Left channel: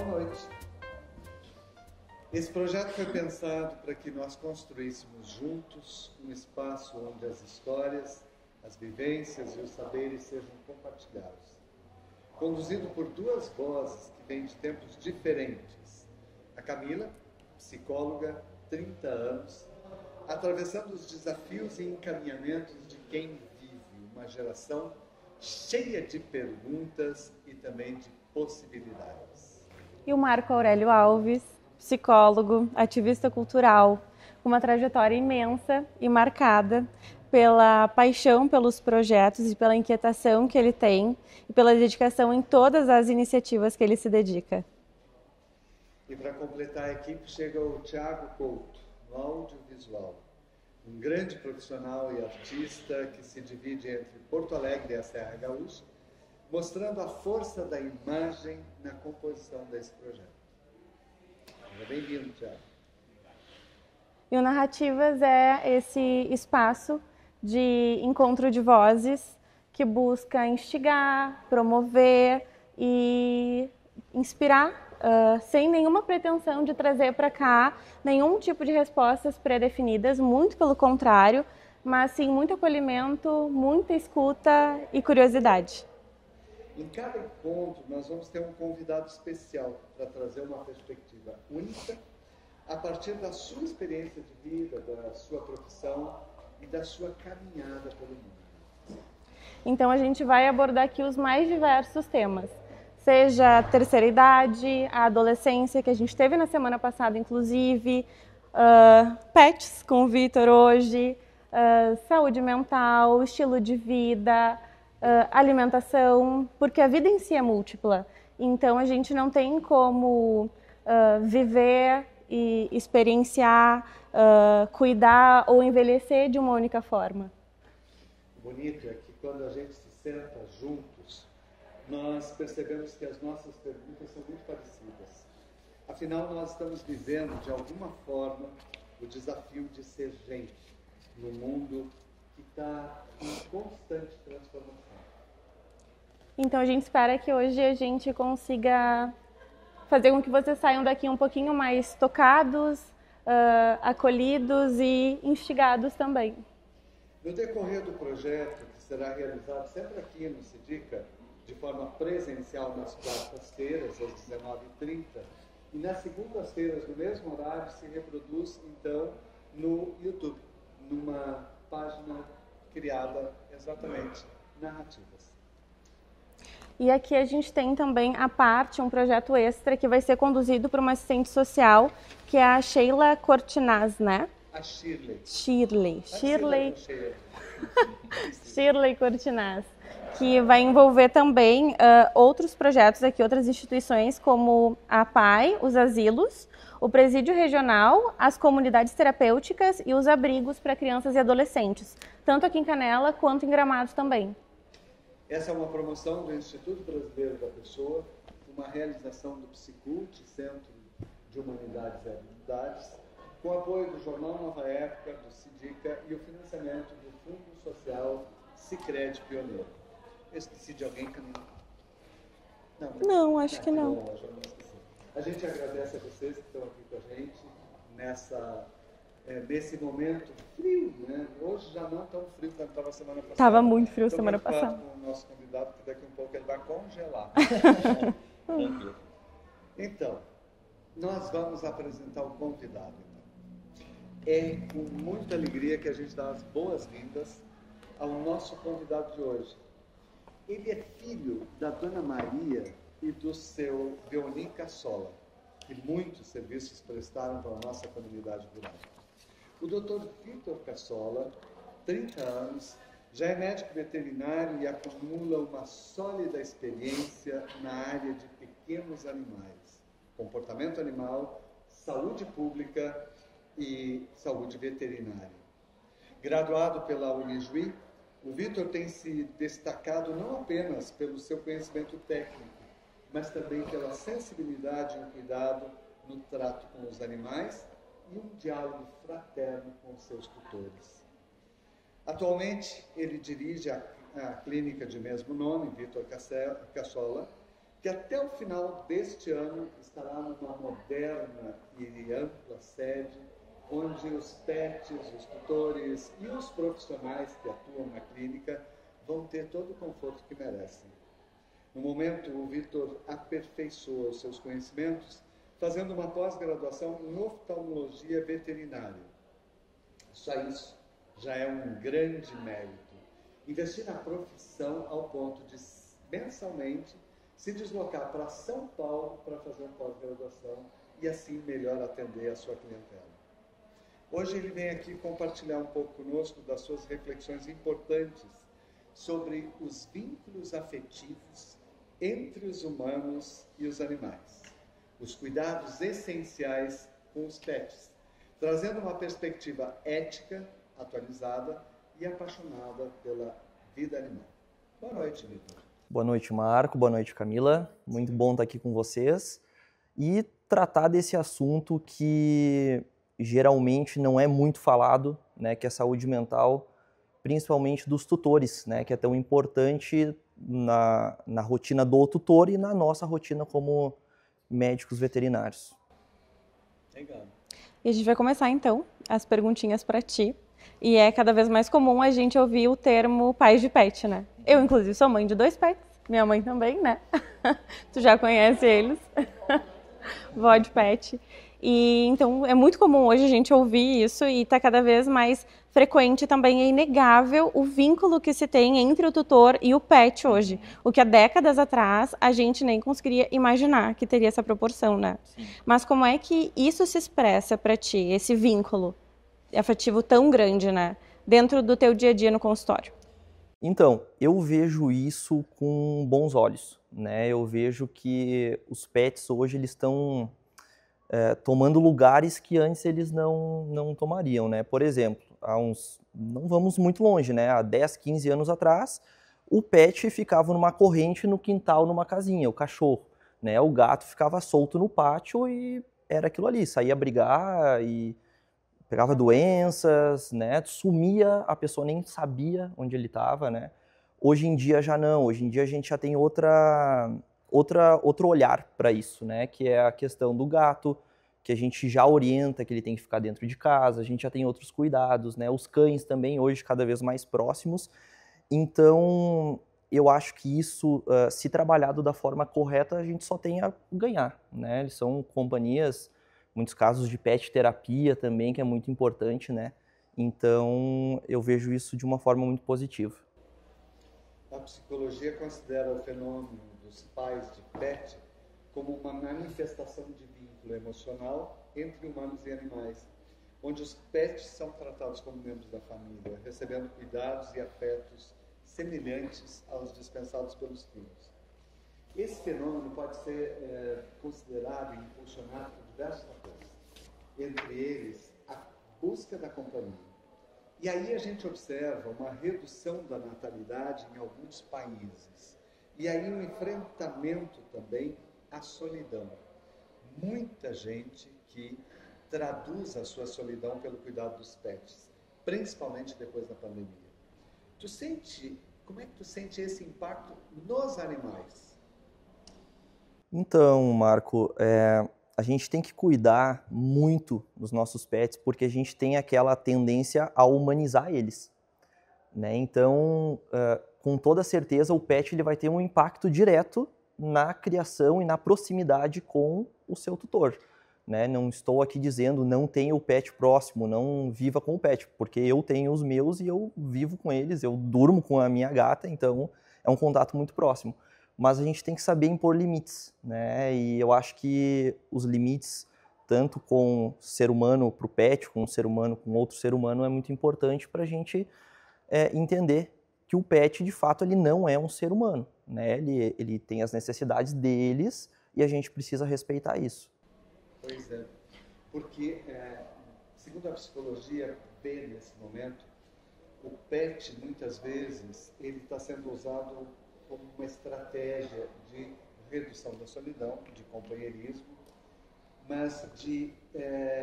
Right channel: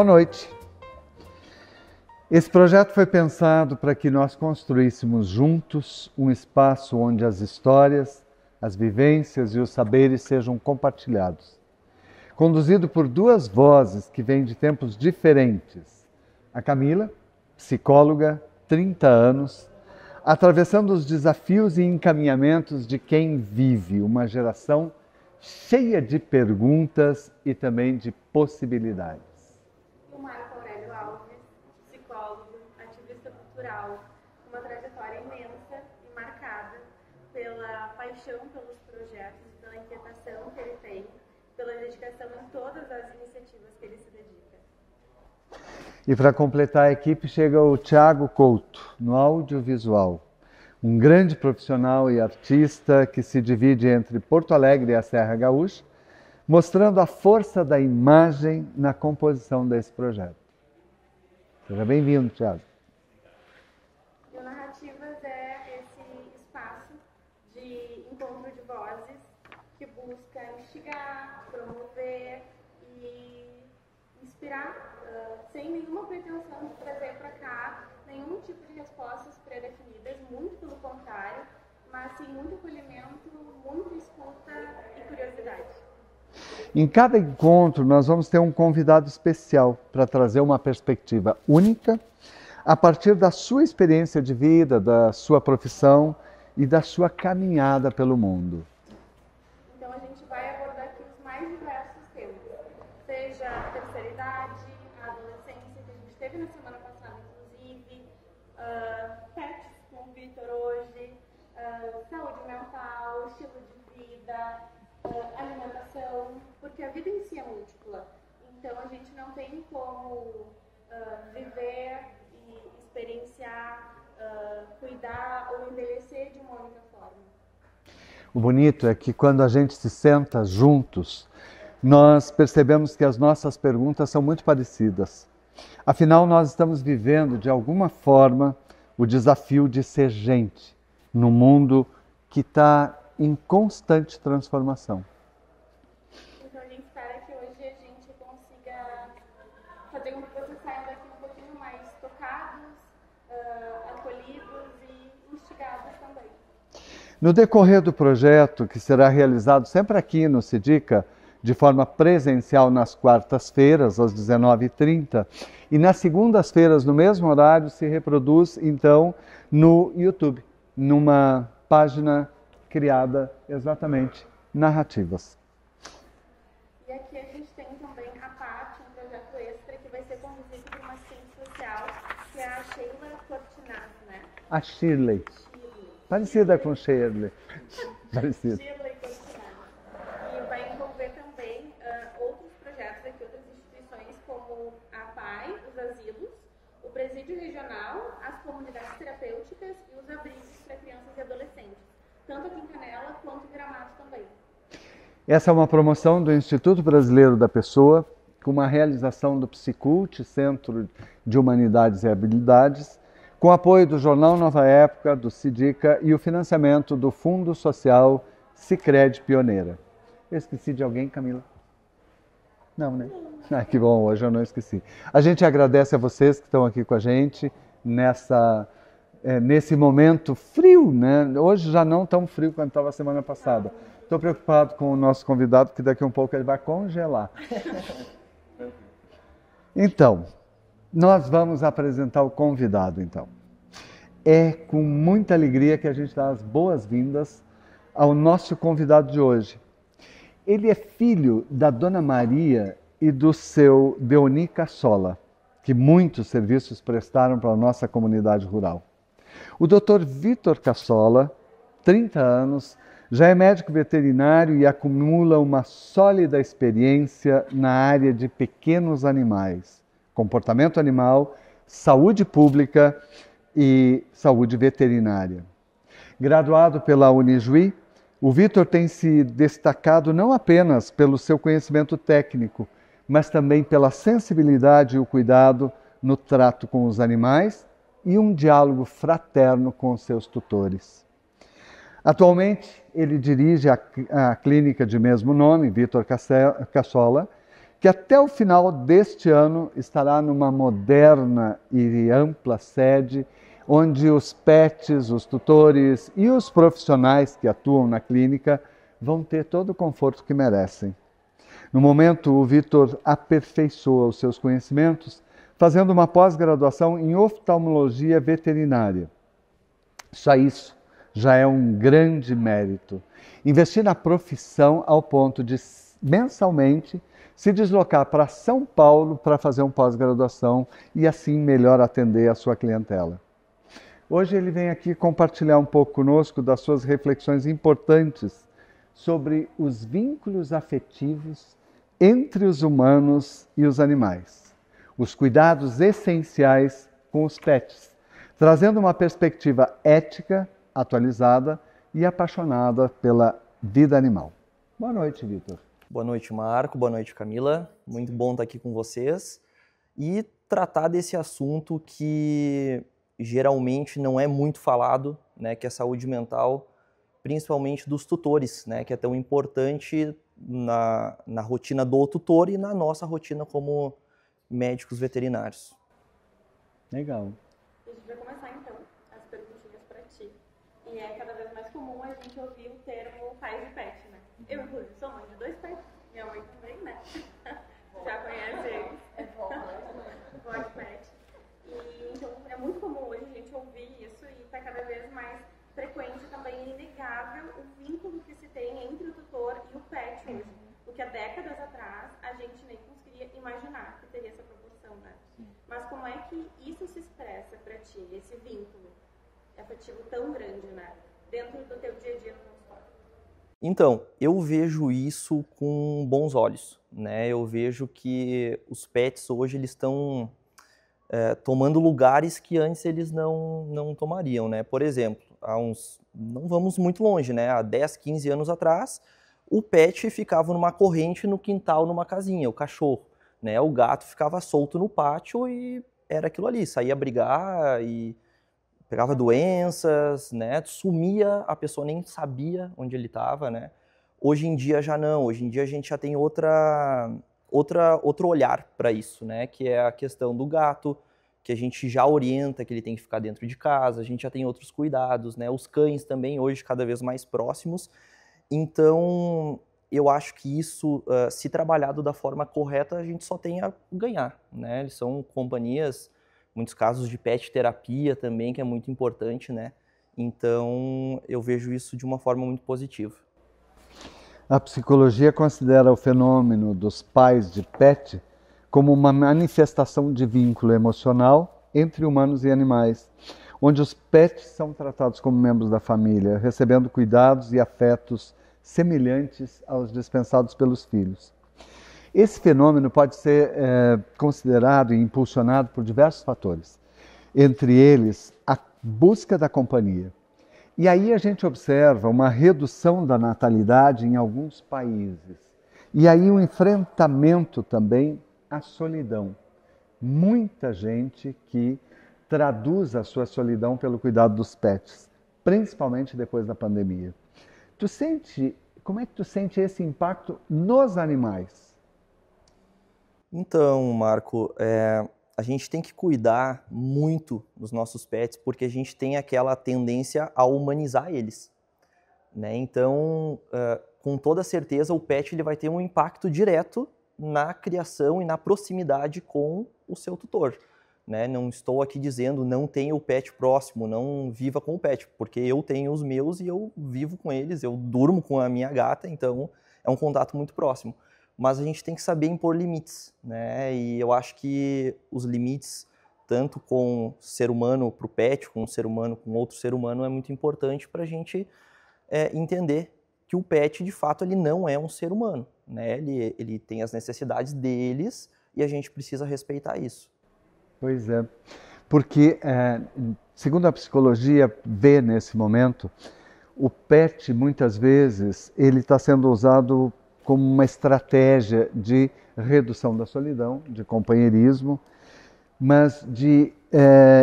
boa noite. Esse projeto foi pensado para que nós construíssemos juntos um espaço onde as histórias, as vivências e os saberes sejam compartilhados. Conduzido por duas vozes que vêm de tempos diferentes. A Camila, psicóloga, 30 anos, atravessando os desafios e encaminhamentos de quem vive uma geração cheia de perguntas e também de possibilidades. E o Marco Aurélio Alves, psicólogo, ativista cultural, com uma trajetória imensa e marcada pela paixão pelos projetos e pela inquietação que ele tem e pela dedicação em todas as iniciativas que ele se dedica. E para completar a equipe chega o Thiago Couto, no audiovisual. Um grande profissional e artista que se divide entre Porto Alegre e a Serra Gaúcha, mostrando a força da imagem na composição desse projeto. Seja bem-vindo, Thiago. E o Narrativas é esse espaço de encontro de vozes que busca instigar, promover e inspirar, sem nenhuma pretensão de trazer para cá nenhum tipo de respostas pré-definidas, muito pelo contrário, mas sim muito acolhimento, muita escuta e curiosidade. Em cada encontro, nós vamos ter um convidado especial para trazer uma perspectiva única a partir da sua experiência de vida, da sua profissão e da sua caminhada pelo mundo. Então a gente vai abordar aqui os mais diversos temas, seja a terceira idade, a adolescência, que a gente teve na semana passada, inclusive, pets com o Vitor hoje, saúde mental, estilo de vida, alimentação, porque a vida em si é múltipla. Então a gente não tem como viver e experienciar, cuidar ou envelhecer de uma única forma. O bonito é que quando a gente se senta juntos, nós percebemos que as nossas perguntas são muito parecidas. Afinal, nós estamos vivendo, de alguma forma, o desafio de ser gente num mundo que está em constante transformação. Então a gente espera que hoje a gente consiga fazer com que vocês saiam daqui um pouquinho mais tocados, acolhidos e instigados também. No decorrer do projeto, que será realizado sempre aqui no Sidica, de forma presencial nas quartas-feiras, às 19h30, e nas segundas-feiras, no mesmo horário, se reproduz, então, no YouTube, numa página criada exatamente Narrativas. E aqui a gente tem também a parte, um projeto extra que vai ser conduzido por uma assistente social, que é a Sheila Cortinaz, né? A Shirley. Parecida com Shirley. Shirley Cortinaz, que vai envolver também outros projetos aqui, outras instituições como a PAI, os asilos, o Presídio Regional, as comunidades terapêuticas e os abrigos para crianças e adolescentes, tanto aqui em Canela quanto em Gramados também. Essa é uma promoção do Instituto Brasileiro da Pessoa, com uma realização do Psicult, Centro de Humanidades e Habilidades, com apoio do Jornal Nova Época, do Sidica e o financiamento do Fundo Social Sicredi Pioneira. Eu esqueci de alguém, Camila? Não, né? Não, acho que que não. bom, hoje eu não esqueci. A gente agradece a vocês que estão aqui com a gente nesse momento frio, né? Hoje já não tão frio quanto estava semana passada. Estava muito frio semana passada. Estou preocupado com o nosso convidado, que daqui a um pouco ele vai congelar. Então, nós vamos apresentar o convidado, então. É com muita alegria que a gente dá as boas-vindas ao nosso convidado de hoje. Ele é filho da Dona Maria e do seu Deoni Cassola, que muitos serviços prestaram para a nossa comunidade rural. O Dr. Vitor Cassola, 30 anos, já é médico veterinário e acumula uma sólida experiência na área de pequenos animais, comportamento animal, saúde pública e saúde veterinária. Graduado pela Unijuí, o Vitor tem se destacado não apenas pelo seu conhecimento técnico, mas também pela sensibilidade e o cuidado no trato com os animais e um diálogo fraterno com os seus tutores. Atualmente, ele dirige a clínica de mesmo nome, Vitor Cassola, que até o final deste ano estará numa moderna e ampla sede, onde os pets, os tutores e os profissionais que atuam na clínica vão ter todo o conforto que merecem. No momento, o Vitor aperfeiçoa os seus conhecimentos, fazendo uma pós-graduação em oftalmologia veterinária. Só isso já é um grande mérito. Investir na profissão ao ponto de, mensalmente, se deslocar para São Paulo para fazer uma pós-graduação e assim melhor atender a sua clientela. Hoje ele vem aqui compartilhar um pouco conosco das suas reflexões importantes sobre os vínculos afetivos entre os humanos e os animais, os cuidados essenciais com os pets, trazendo uma perspectiva ética, atualizada e apaixonada pela vida animal. Boa noite, Vitor. Boa noite, Marco. Boa noite, Camila. Muito bom estar aqui com vocês e tratar desse assunto que geralmente não é muito falado, né, que é a saúde mental, principalmente dos tutores, né, que é tão importante na rotina do tutor e na nossa rotina como médicos veterinários. Legal. E a gente vai começar então as perguntinhas para ti. E é cada vez mais comum a gente ouvir o termo pais de pet, né? Eu, inclusive, sou mãe de 2 pets. Minha mãe também, né? Tu já conhece eles. Vó de pet. E então é muito comum hoje a gente ouvir isso e está cada vez mais frequente também. É inegável o vínculo que se tem entre o tutor e o pet hoje. O que há décadas atrás a gente nem conseguiria imaginar que teria essa proporção, né? Mas como é que isso se expressa para ti, esse vínculo afetivo tão grande, né? Dentro do teu dia a dia no consultório? Então, eu vejo isso com bons olhos, né? Eu vejo que os pets hoje eles estão tomando lugares que antes eles não tomariam, né? Por exemplo, não vamos muito longe, né? Há 10, 15 anos atrás, o pet ficava numa corrente no quintal, numa casinha, o cachorro, né? O gato ficava solto no pátio e era aquilo ali, saía brigar e pegava doenças, né? Sumia, a pessoa nem sabia onde ele estava, né? Hoje em dia já não, hoje em dia a gente já tem outro olhar para isso, né? Que é a questão do gato, que a gente já orienta que ele tem que ficar dentro de casa, a gente já tem outros cuidados, né? Os cães também hoje cada vez mais próximos. Então, eu acho que isso, se trabalhado da forma correta, a gente só tem a ganhar, né? Eles são companhias, muitos casos de pet terapia também, que é muito importante, né? Então, eu vejo isso de uma forma muito positiva. A psicologia considera o fenômeno dos pais de pet como uma manifestação de vínculo emocional entre humanos e animais, onde os pets são tratados como membros da família, recebendo cuidados e afetos semelhantes aos dispensados pelos filhos. Esse fenômeno pode ser considerado e impulsionado por diversos fatores, entre eles a busca da companhia. E aí a gente observa uma redução da natalidade em alguns países. E aí um enfrentamento também à solidão. Muita gente que traduz a sua solidão pelo cuidado dos pets, principalmente depois da pandemia. Como é que tu sente esse impacto nos animais? Então, Marco, a gente tem que cuidar muito dos nossos pets porque a gente tem aquela tendência a humanizar eles, né? Então, com toda certeza, o pet ele vai ter um impacto direto na criação e na proximidade com o seu tutor, né? Não estou aqui dizendo não tenha o pet próximo, não viva com o pet, porque eu tenho os meus e eu vivo com eles, eu durmo com a minha gata, então é um contato muito próximo. Mas a gente tem que saber impor limites, né? E eu acho que os limites, tanto com o ser humano para o pet, com o ser humano com outro ser humano, é muito importante para a gente entender que o pet, de fato, ele não é um ser humano, né? Ele tem as necessidades deles e a gente precisa respeitar isso. Pois é, porque, segundo a psicologia vê nesse momento, o pet, muitas vezes, ele está sendo usado como uma estratégia de redução da solidão, de companheirismo, mas de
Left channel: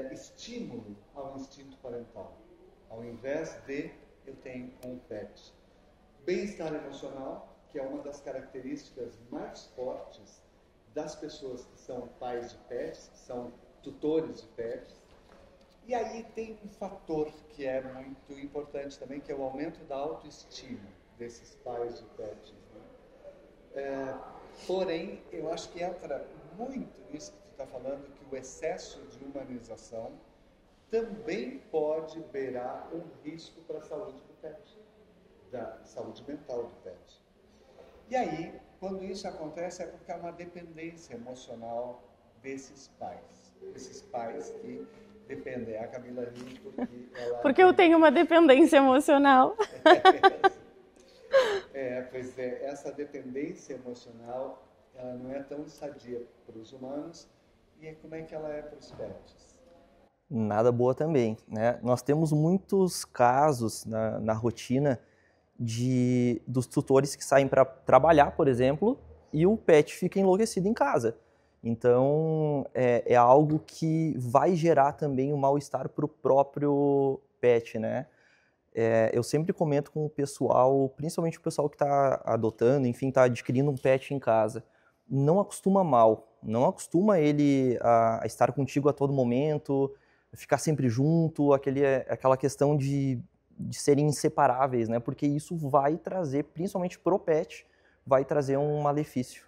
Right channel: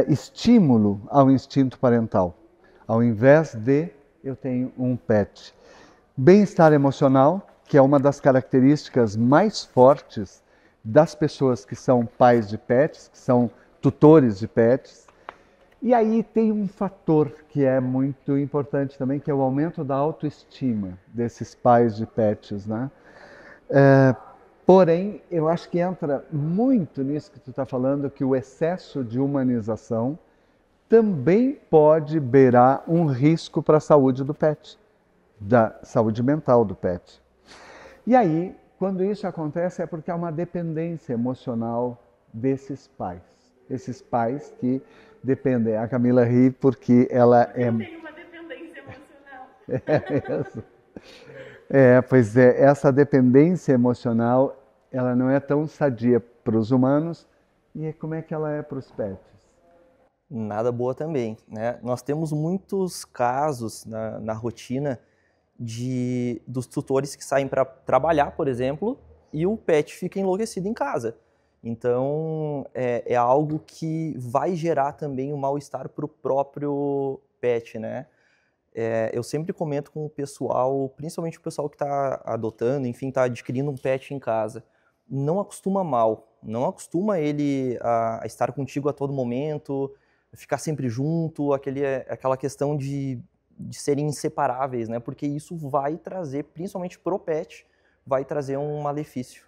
estímulo ao instinto parental. Ao invés de eu tenho um pet. Bem-estar emocional, que é uma das características mais fortes das pessoas que são pais de pets, que são tutores de pets. E aí tem um fator que é muito importante também, que é o aumento da autoestima desses pais de pets, né? Porém, eu acho que entra muito nisso que tu está falando, que o excesso de humanização também pode beirar um risco para a saúde do pet, da saúde mental do pet. E aí, quando isso acontece, é porque há uma dependência emocional desses pais. Esses pais que dependem. A Camila ri porque ela Porque eu tenho uma dependência emocional. Pois é, essa dependência emocional, ela não é tão sadia para os humanos. E como é que ela é para os pets? Nada boa também, né? Nós temos muitos casos na rotina dos tutores que saem para trabalhar, por exemplo, e o pet fica enlouquecido em casa. Então, é algo que vai gerar também um mal-estar para o próprio pet, né? Eu sempre comento com o pessoal, principalmente o pessoal que está adotando, enfim, está adquirindo um pet em casa. Não acostuma mal, não acostuma ele a estar contigo a todo momento, ficar sempre junto, aquela questão de serem inseparáveis, né? Porque isso vai trazer, principalmente pro pet, vai trazer um malefício.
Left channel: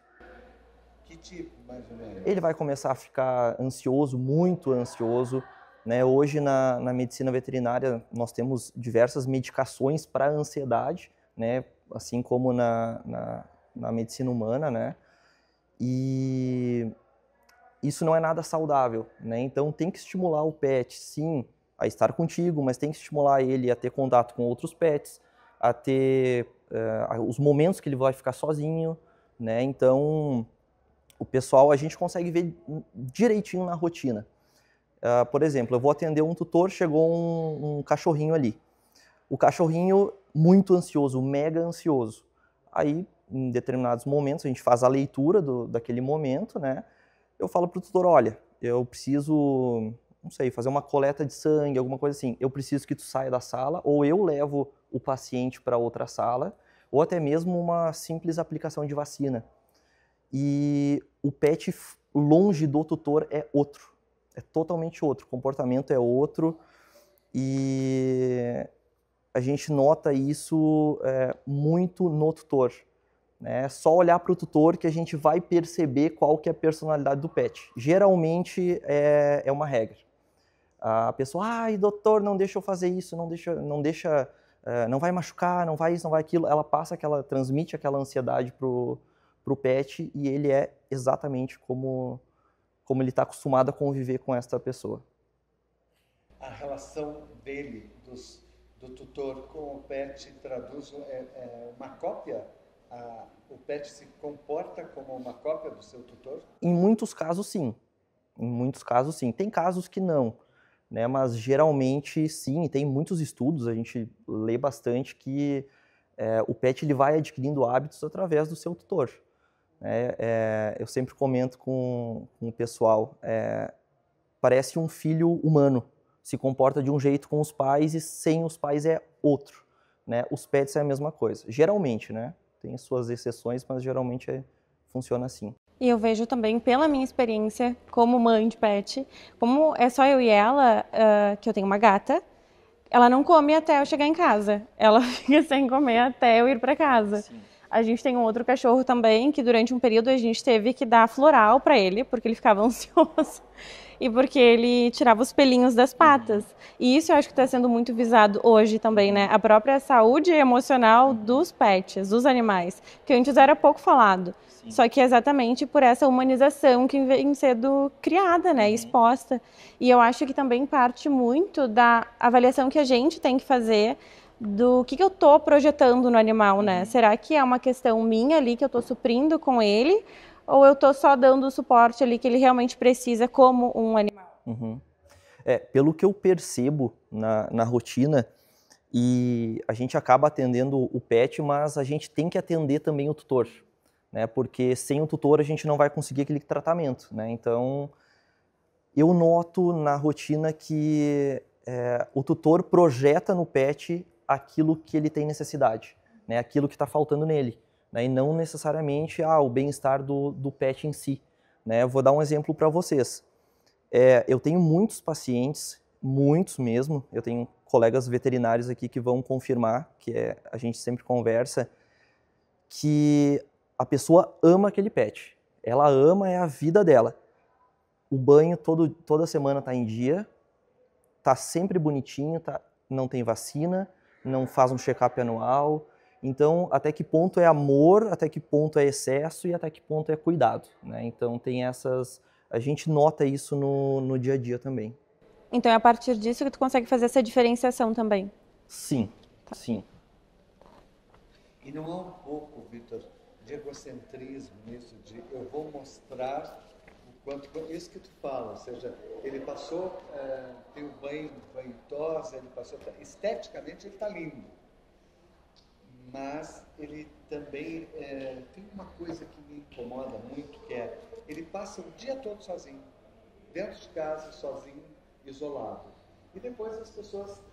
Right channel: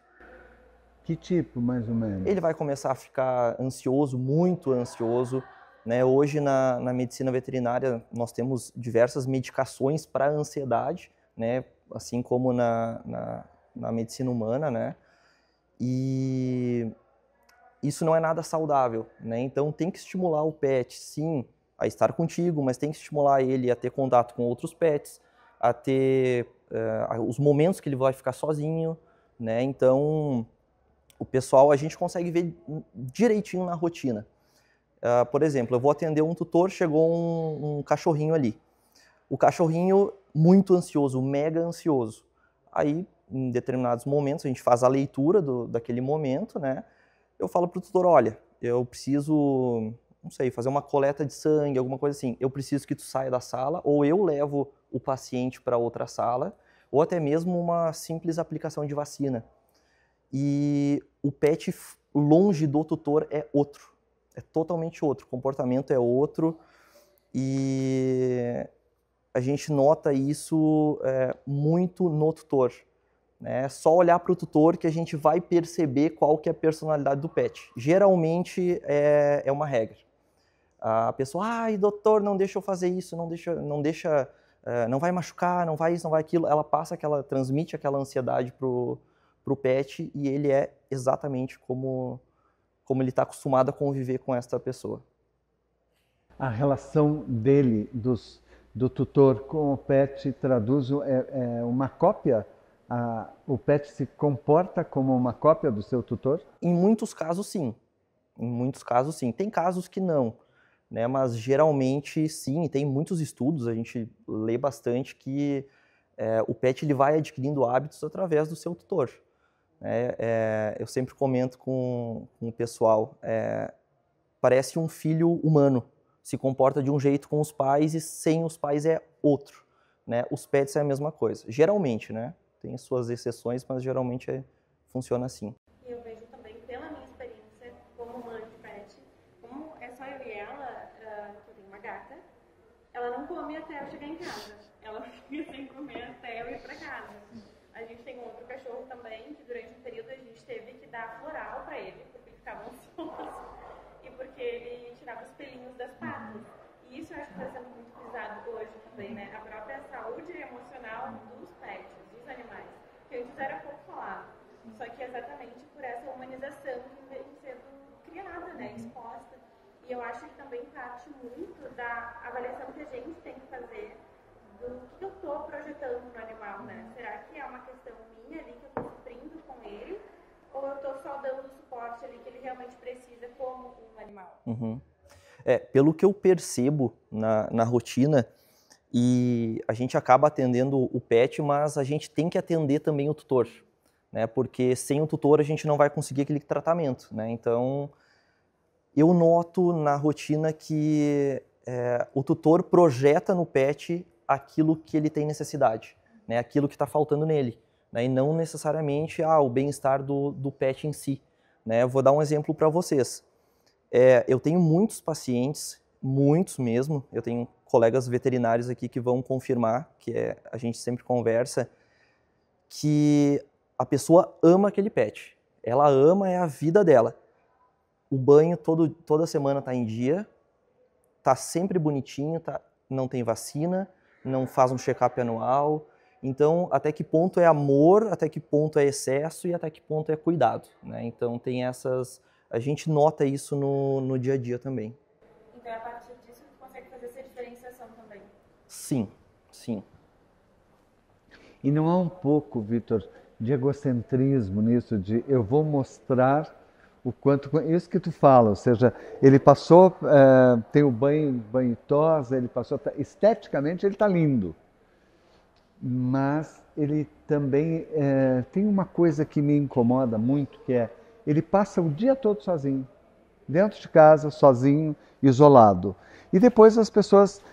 Que tipo, mais ou menos? Ele vai começar a ficar ansioso, muito ansioso, né? Hoje, na medicina veterinária, nós temos diversas medicações para ansiedade, né? Assim como na medicina humana, né? E isso não é nada saudável, né? Então, tem que estimular o pet, sim, a estar contigo, mas tem que estimular ele a ter contato com outros pets, a ter os momentos que ele vai ficar sozinho, né? Então, o pessoal, a gente consegue ver direitinho na rotina. Por exemplo, eu vou atender um tutor, chegou um cachorrinho ali. O cachorrinho muito ansioso, mega ansioso. Aí, em determinados momentos, a gente faz a leitura daquele momento, né? Eu falo pro tutor, olha, eu preciso, não sei, fazer uma coleta de sangue, alguma coisa assim. Eu preciso que tu saia da sala, ou eu levo o paciente para outra sala, ou até mesmo uma simples aplicação de vacina. E o pet longe do tutor é outro, é totalmente outro, o comportamento é outro e a gente nota isso muito no tutor. É só olhar para o tutor que a gente vai perceber qual que é a personalidade do pet. Geralmente é uma regra. A pessoa, ai doutor, não deixa eu fazer isso, não vai machucar, não vai isso, não vai aquilo. Ela transmite aquela ansiedade pro pet e ele é exatamente como ele está acostumado a conviver com esta pessoa. A relação dele, do tutor com o pet, traduz uma cópia? O pet se comporta como uma cópia do seu tutor? Em muitos casos, sim. Em muitos casos, sim. Tem casos que não, né? Mas geralmente, sim. Tem muitos estudos, a gente lê bastante, que o pet ele vai adquirindo hábitos através do seu tutor. Eu sempre comento com o pessoal, parece um filho humano, se comporta de um jeito com os pais e sem os pais é outro, né? Os pets é a mesma coisa, geralmente, né? Tem suas exceções, mas geralmente funciona assim. E eu vejo também, pela minha experiência como mãe de pet, como é só eu e ela, que eu tenho uma gata, ela não come até eu chegar em casa. Ela fica sem comer até eu ir para casa. Sim. A gente tem um outro cachorro também, que durante um período a gente teve que dar floral para ele, porque ele ficava ansioso. E porque ele tirava os pelinhos das patas. E isso eu acho que está sendo muito visado hoje também, né? A própria saúde emocional dos pets, dos animais, que antes era pouco falado. Sim. Só que é exatamente por essa humanização que vem sendo criada, né? Exposta. E eu acho que também parte muito da avaliação que a gente tem que fazer do que eu estou projetando no animal, né? Será que é uma questão minha ali que eu estou suprindo com ele? Ou eu estou só dando o suporte ali que ele realmente precisa como um animal? Uhum. Pelo que eu percebo na rotina, e a gente acaba atendendo o pet, mas a gente tem que atender também o tutor, né? Porque sem o tutor a gente não vai conseguir aquele tratamento, né? Então, eu noto na rotina que o tutor projeta no pet aquilo que ele tem necessidade, né? Aquilo que está faltando nele. Né, e não necessariamente o bem-estar do pet em si. né? Eu vou dar um exemplo para vocês. Eu tenho muitos pacientes, muitos mesmo, eu tenho colegas veterinários aqui que vão confirmar, a gente sempre conversa, que a pessoa ama aquele pet. Ela ama, é a vida dela. O banho toda semana está em dia, está sempre bonitinho, não tem vacina, não faz um check-up anual. Então, até que ponto é amor, até que ponto é excesso e até que ponto é cuidado, né? Então, tem essas... A gente nota isso no dia a dia também. Então, é a partir disso que tu consegue fazer essa diferenciação também? Sim, sim. E não há um pouco, Vitor, de egocentrismo nisso, de eu vou mostrar o quanto... Isso que tu fala, ou seja, ele passou, tem o banho tosa, ele passou... Esteticamente ele está lindo, mas ele também tem uma coisa que me incomoda muito, que é, ele passa o dia todo sozinho, dentro de casa, sozinho, isolado. E depois as pessoas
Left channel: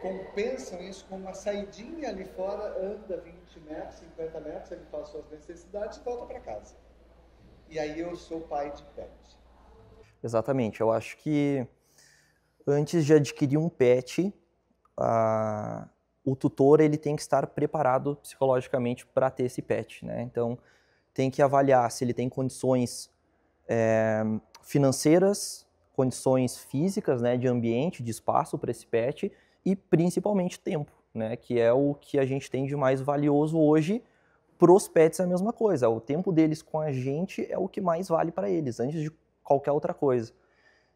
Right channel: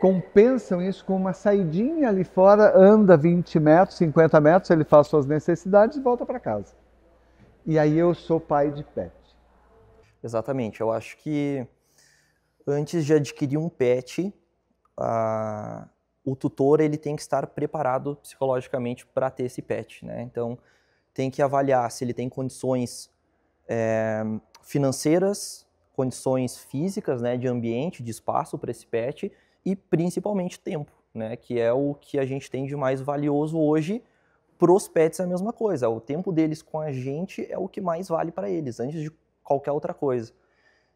compensam isso com uma saidinha ali fora, anda 20 metros, 50 metros, ele faz suas necessidades e volta para casa. E aí eu sou pai de pet. Exatamente. Eu acho que antes de adquirir um pet, o tutor ele tem que estar preparado psicologicamente para ter esse pet, né? Então, tem que avaliar se ele tem condições financeiras, condições físicas, né, de ambiente, de espaço para esse pet e principalmente tempo, né, que é o que a gente tem de mais valioso hoje. Para os pets é a mesma coisa, o tempo deles com a gente é o que mais vale para eles, antes de qualquer outra coisa.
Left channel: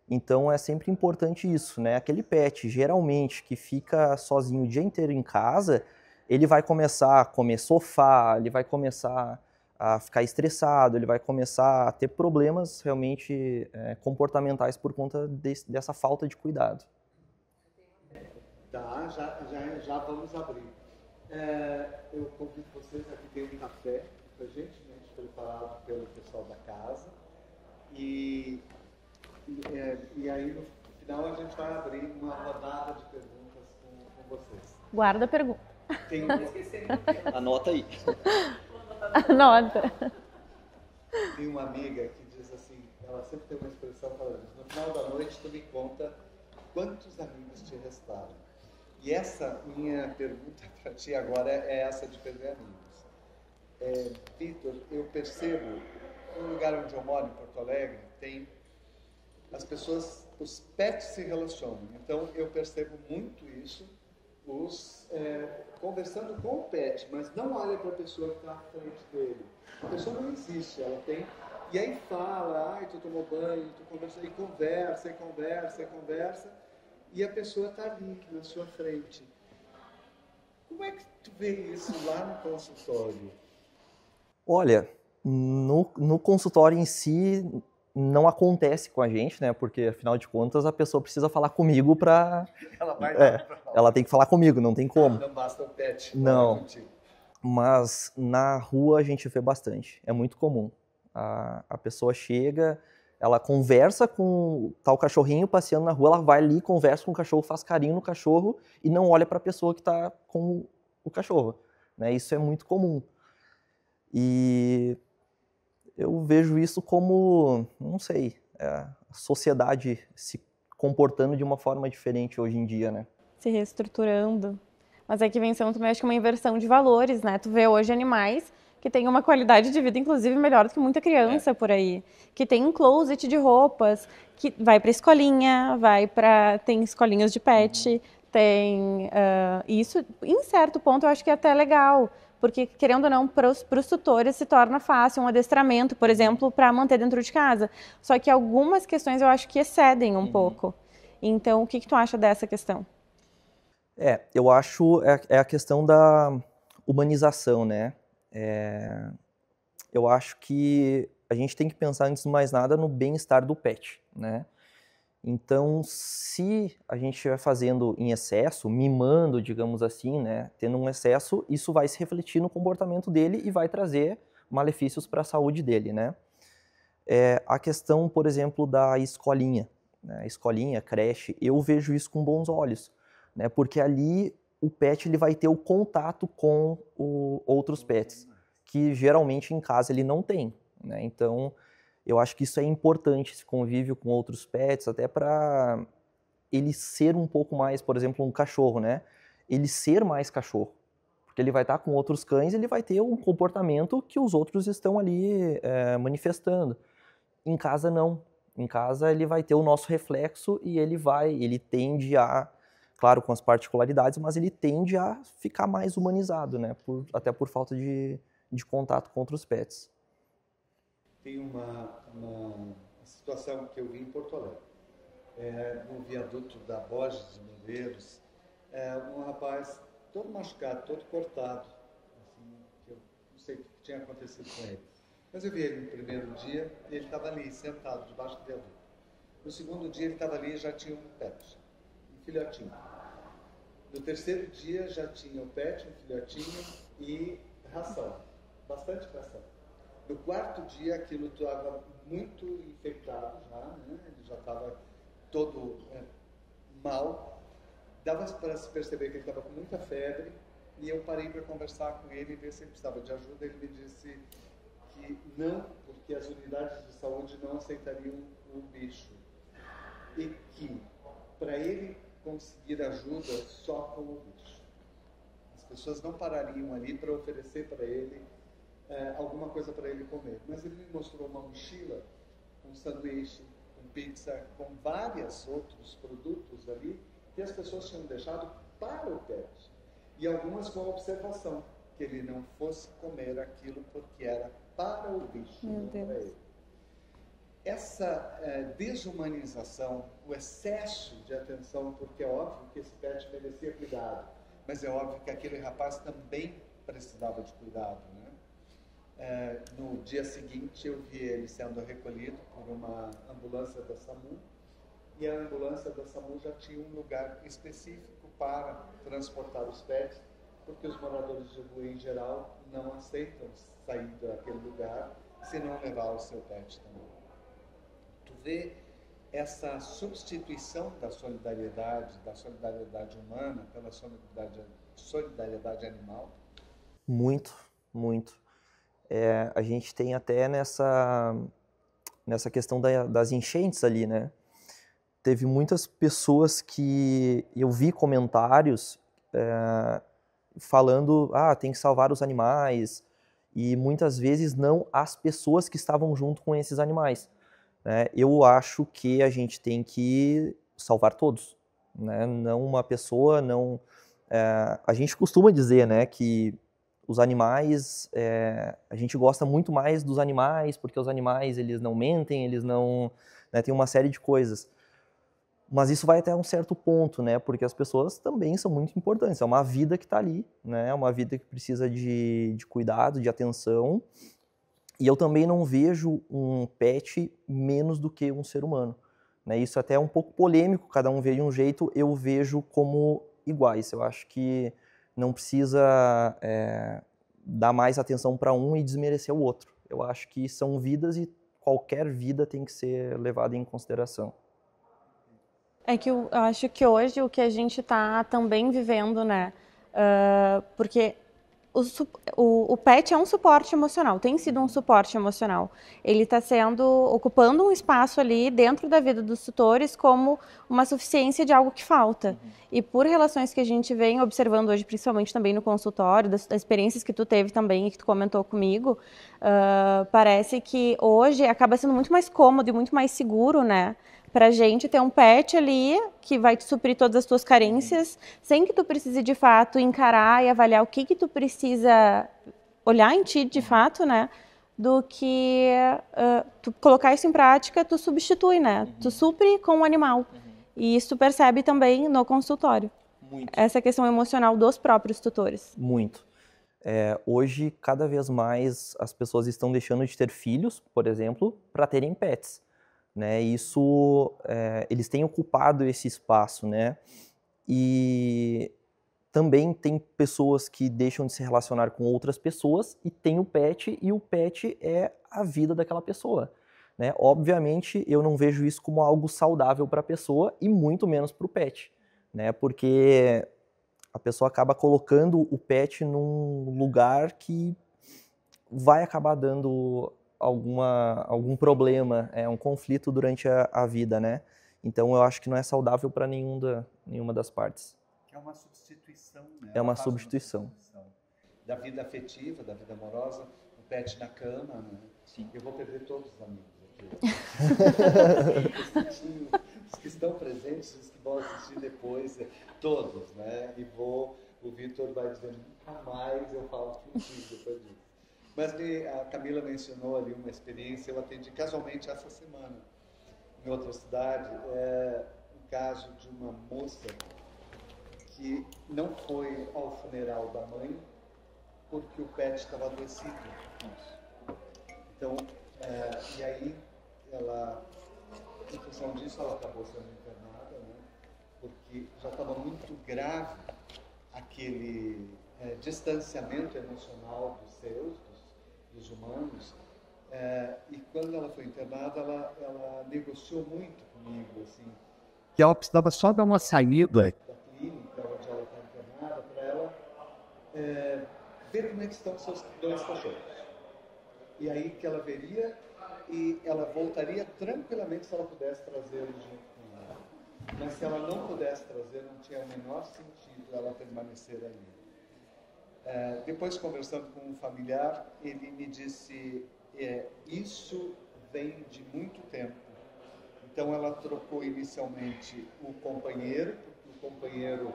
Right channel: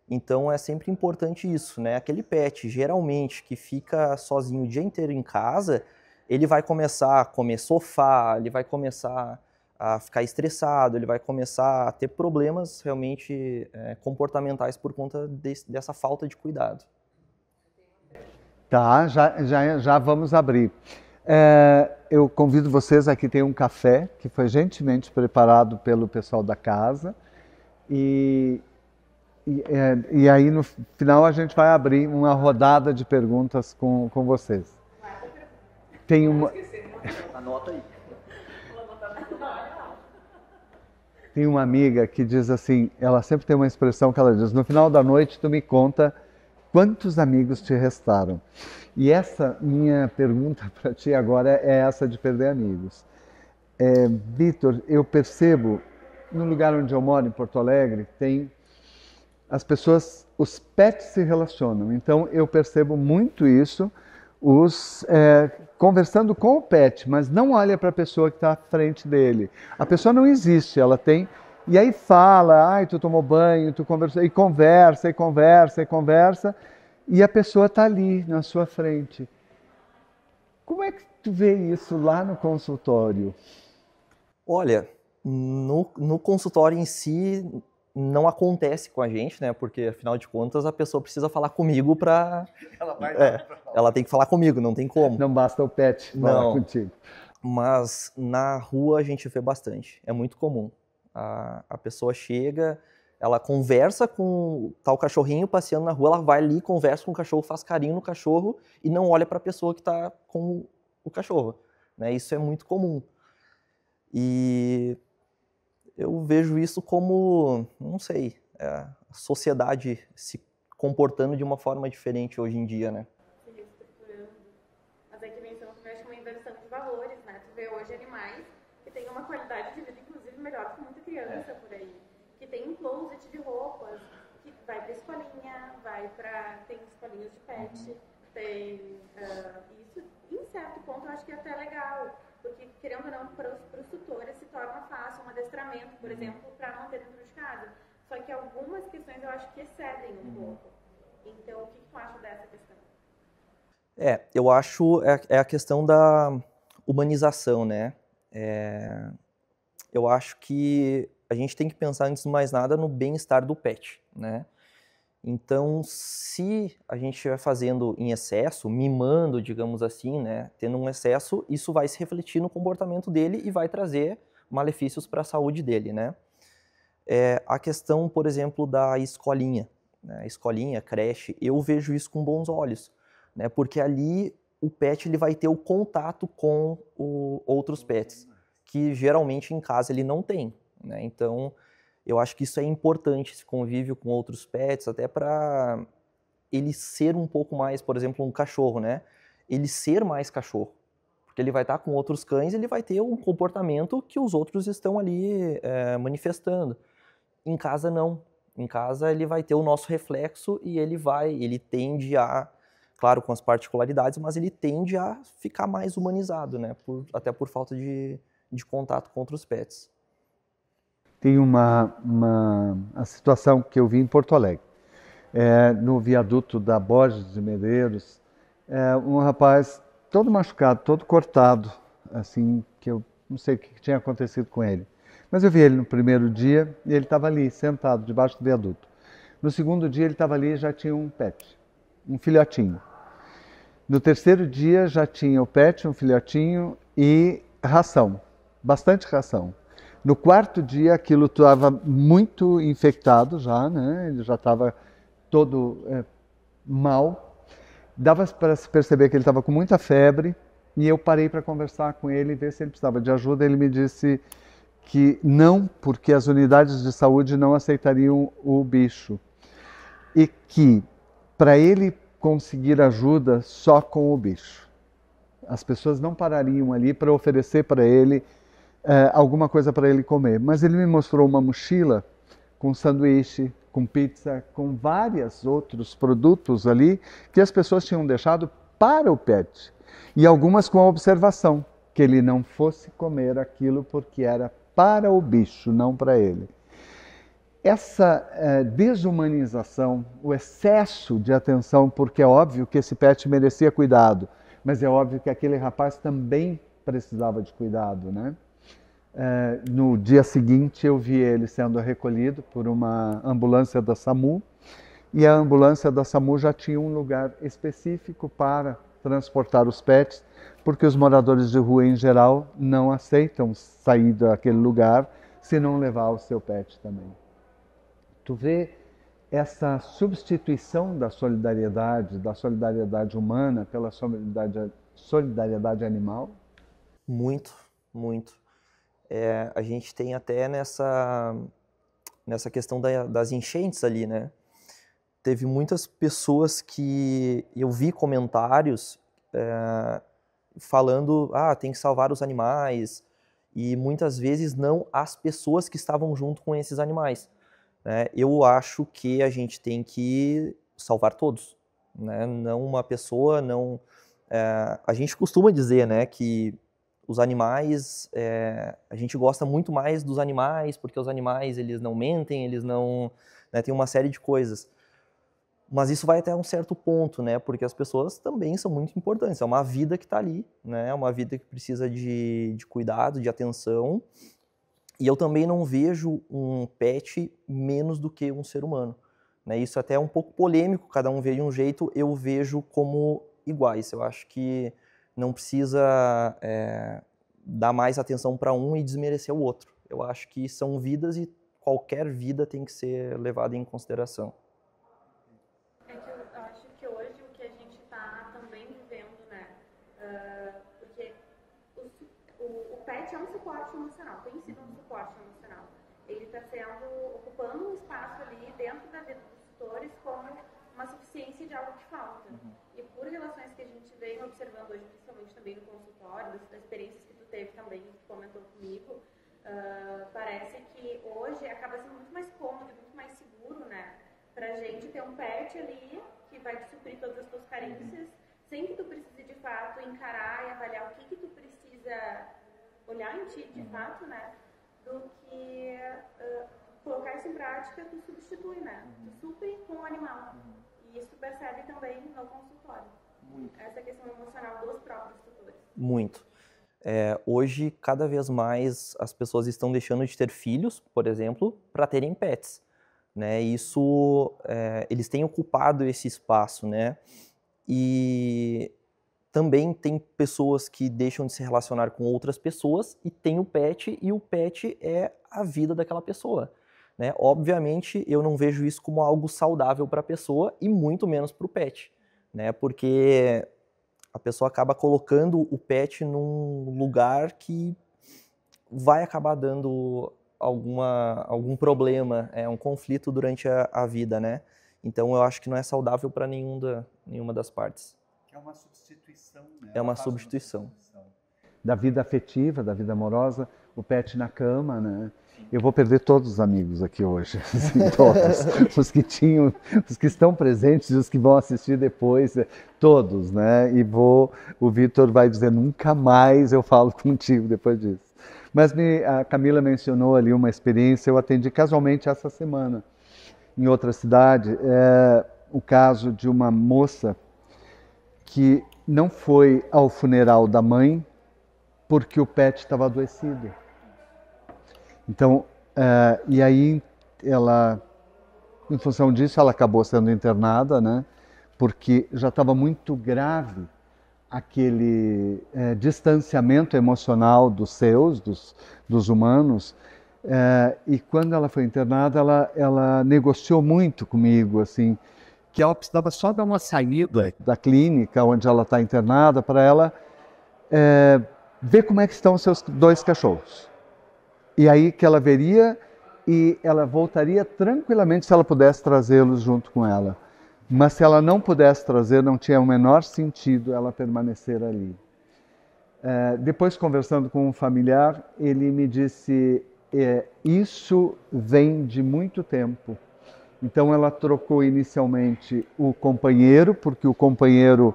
Então é sempre importante isso, né? Aquele pet, geralmente, que fica sozinho o dia inteiro em casa, ele vai começar a comer sofá, ele vai começar a ficar estressado, ele vai começar a ter problemas realmente comportamentais por conta dessa falta de cuidado. Tá, já vamos abrir. Eu convido vocês, aqui tem um café que foi gentilmente preparado pelo pessoal da casa e aí no final a gente vai abrir uma rodada de perguntas com vocês. Guarda a pergunta. Tem uma... Anota aí. Anota. Tem uma amiga que diz assim, ela sempre tem uma expressão que ela diz, no final da noite tu me conta quantos amigos te restaram. E essa minha pergunta para ti agora é essa de perder amigos. Vitor, eu percebo, no lugar onde eu moro, em Porto Alegre, tem as pessoas, os pets se relacionam. Então eu percebo muito isso, conversando com o pet, mas não olha para a pessoa que está à frente dele. A pessoa não existe, ela tem... E aí fala, ai, tu tomou banho, tu conversou, e conversa, e conversa, e conversa, e a pessoa está ali na sua frente. Como é que tu vê isso lá no consultório? Olha, no consultório em si não acontece com a gente, né? Porque afinal de contas a pessoa precisa falar comigo para... Ela tem que falar comigo, não tem como. Não basta o pet falar contigo. Mas na rua a gente vê bastante, é muito comum. A pessoa chega, ela conversa com o cachorrinho passeando na rua, ela vai ali, conversa com o cachorro, faz carinho no cachorro e não olha para a pessoa que está com o cachorro, né? Isso é muito comum. E eu vejo isso como, não sei, a sociedade se comportando de uma forma diferente hoje em dia, né? Se reestruturando. Mas aqui vem sendo também, acho que uma inversão de valores, né? Tu vê hoje animais que têm uma qualidade de vida, inclusive, melhor do que muita criança por aí. Que tem um closet de roupas, que vai para escolinha, tem escolinhas de pet, tem... isso, em certo ponto, eu acho que é até legal. Porque, querendo ou não, para os tutores se torna fácil um adestramento, por exemplo, para manter dentro de casa. Só que algumas questões eu acho que excedem um pouco. Então, o que tu acha dessa questão? Eu acho a questão da humanização, né? Eu acho que a gente tem que pensar, antes de mais nada, no bem-estar do pet, né? Então, se a gente estiver fazendo em excesso, mimando, digamos assim, né, tendo um excesso, isso vai se refletir no comportamento dele e vai trazer malefícios para a saúde dele, né? A questão, por exemplo, da escolinha, né? Escolinha, creche, eu vejo isso com bons olhos, né? Porque ali o pet ele vai ter o contato com outros pets, que geralmente em casa ele não tem, né? Então, Eu acho que isso é importante, esse convívio com outros pets, até para ele ser um pouco mais, por exemplo, um cachorro, né? Ele ser mais cachorro. Porque ele vai estar com outros cães, ele vai ter um comportamento que os outros estão ali manifestando. Em casa, não. Em casa, ele vai ter o nosso reflexo e ele tende a, claro, com as particularidades, mas ele tende a ficar mais humanizado, né? Até por falta de contato com outros pets. Tem a situação que eu vi em Porto Alegre. No viaduto da Borges de Medeiros, um rapaz todo machucado, todo cortado, assim, que eu não sei o que tinha acontecido com ele. Mas eu vi ele no primeiro dia e ele estava ali, sentado, debaixo do viaduto. No segundo dia ele estava ali e já tinha um pet, um filhotinho. No terceiro dia já tinha o pet, um filhotinho e ração, bastante ração. No quarto dia aquilo estava muito infectado já, né? Ele já estava todo mal. Dava para se perceber que ele estava com muita febre e eu parei para conversar com ele e ver se ele precisava de ajuda. Ele me disse que não, porque as unidades de saúde não aceitariam o bicho e que para ele conseguir ajuda só com o bicho. As pessoas não parariam ali para oferecer para ele alguma coisa para ele comer. Mas ele me mostrou uma mochila com sanduíche, com pizza, com vários outros produtos ali que as pessoas tinham deixado para o pet. E algumas com a observação que ele não fosse comer aquilo porque era para o bicho, não para ele. Essa desumanização, o excesso de atenção, porque é óbvio que esse pet merecia cuidado, mas é óbvio que aquele rapaz também precisava de cuidado, né? No dia seguinte eu vi ele sendo recolhido por uma ambulância da SAMU e a ambulância da SAMU já tinha um lugar específico para transportar os pets, porque os moradores de rua em geral não aceitam sair daquele lugar se não levar o seu pet também. Tu vê essa substituição da solidariedade humana pela solidariedade animal? Muito, muito. A gente tem até nessa questão das enchentes ali, né? Teve muitas pessoas que eu vi comentários falando, tem que salvar os animais, e muitas vezes não as pessoas que estavam junto com esses animais, né? Eu acho que a gente tem que salvar todos, né? Não uma pessoa, não... a gente costuma dizer, né, que os animais, a gente gosta muito mais dos animais, porque os animais, eles não mentem, eles não... né, tem uma série de coisas. Mas isso vai até um certo ponto, né, porque as pessoas também são muito importantes. É uma vida que está ali, né, é uma vida que precisa de cuidado, de atenção. E eu também não vejo um pet menos do que um ser humano, né? Isso até é um pouco polêmico, cada um vê de um jeito, eu vejo como iguais. Eu acho que não precisa dar mais atenção para um e desmerecer o outro. Eu acho que são vidas e qualquer vida tem que ser levada em consideração. É que eu acho que hoje o que a gente está também vivendo, né? Porque o pet é um suporte emocional, tem sido um suporte emocional. Ele está ocupando um espaço ali dentro da vida dos tutores como uma suficiência de algo que falta. E por relações que a gente vem observando hoje, principalmente também no consultório, das experiências que tu teve também e que tu comentou comigo, parece que hoje acaba sendo muito mais cômodo e muito mais seguro, né? Pra gente ter um pet ali que vai te suprir todas as tuas carências, sem que tu precise de fato encarar e avaliar o que tu precisa olhar em ti de fato, né? Do que tu colocar isso em prática, tu substitui, né? Tu supre com o animal. E isso tu percebe também no consultório. Muito. Essa questão emocional dos próprios tutores. Muito. Hoje, cada vez mais, as pessoas estão deixando de ter filhos, por exemplo, para terem pets. Né, isso, eles têm ocupado esse espaço, né, e também tem pessoas que deixam de se relacionar com outras pessoas e tem o pet, e o pet é a vida daquela pessoa, né. Obviamente, eu não vejo isso como algo saudável para a pessoa e muito menos para o pet, né, porque a pessoa acaba colocando o pet num lugar que vai acabar dando algum problema, um conflito durante a vida, né? Então eu acho que não é saudável para nenhuma das partes. É uma substituição, né? É uma substituição. Da vida afetiva, da vida amorosa, o pet na cama, né? Eu vou perder todos os amigos aqui hoje, todos, os que estão presentes e os que vão assistir depois, todos, né? O Vitor vai dizer, nunca mais eu falo contigo depois disso. Mas a Camila mencionou ali uma experiência, eu atendi casualmente essa semana, em outra cidade, o caso de uma moça que não foi ao funeral da mãe porque o pet estava adoecido. Então, e aí ela, em função disso, ela acabou sendo internada, né? Porque já estava muito grave aquele distanciamento emocional dos humanos. E quando ela foi internada, ela negociou muito comigo, assim, que ela precisava só dar uma saída da clínica onde ela está internada para ela ver como é que estão os seus 2 cachorros. E aí que ela veria e ela voltaria tranquilamente se ela pudesse trazê-los junto com ela. Mas se ela não pudesse trazer, não tinha o menor sentido ela permanecer ali. Depois, conversando com um familiar, ele me disse, isso vem de muito tempo. Então ela trocou inicialmente o companheiro, porque o companheiro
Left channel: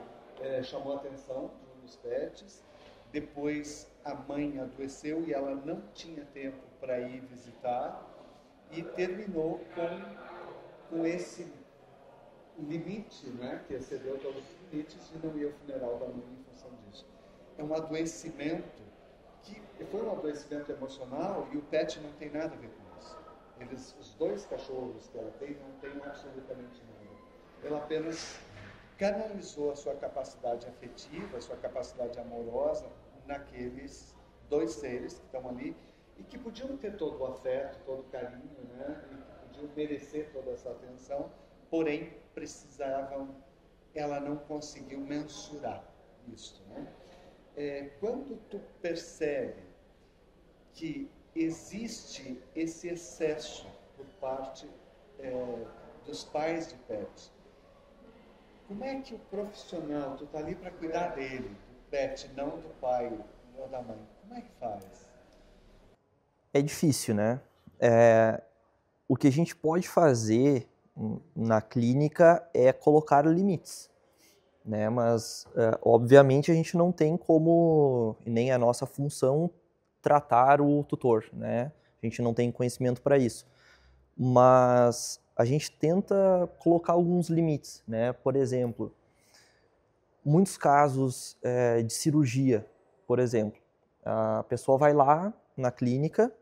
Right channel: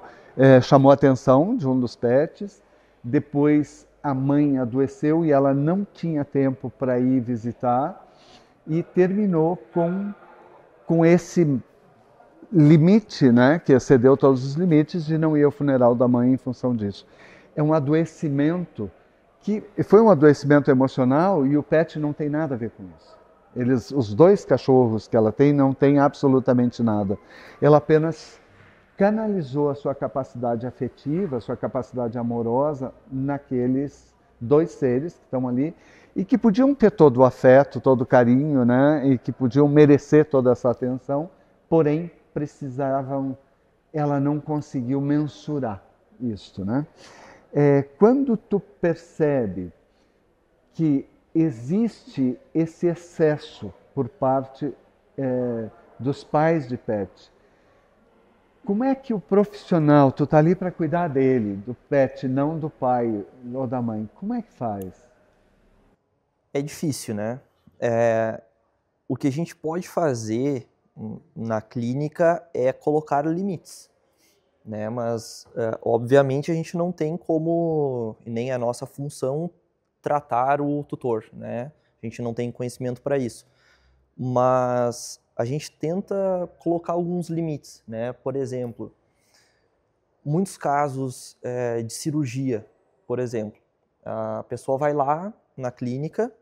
chamou a atenção de um dos pets. Depois a mãe adoeceu e ela não tinha tempo para ir visitar e terminou com esse limite, né, que excedeu todos os limites de não ir ao funeral da mãe em função disso. É um adoecimento que foi um adoecimento emocional e o pet não tem nada a ver com isso. Os 2 cachorros que ela tem não tem absolutamente nada. Ela apenas canalizou a sua capacidade afetiva, a sua capacidade amorosa naqueles 2 seres que estão ali e que podiam ter todo o afeto, todo o carinho, né? E que podiam merecer toda essa atenção, porém ela não conseguiu mensurar isto, né? Quando tu percebe que existe esse excesso por parte dos pais de pet, como é que o profissional, tu tá ali para cuidar dele, do pet, não do pai ou da mãe, como é que faz? É difícil, né? O que a gente pode fazer na clínica é colocar limites, né? Mas, obviamente, a gente não tem como, e nem a nossa função, tratar o tutor, né? A gente não tem conhecimento para isso. Mas a gente tenta colocar alguns limites, né? Por exemplo, muitos casos de cirurgia, por exemplo. A pessoa vai lá na clínica,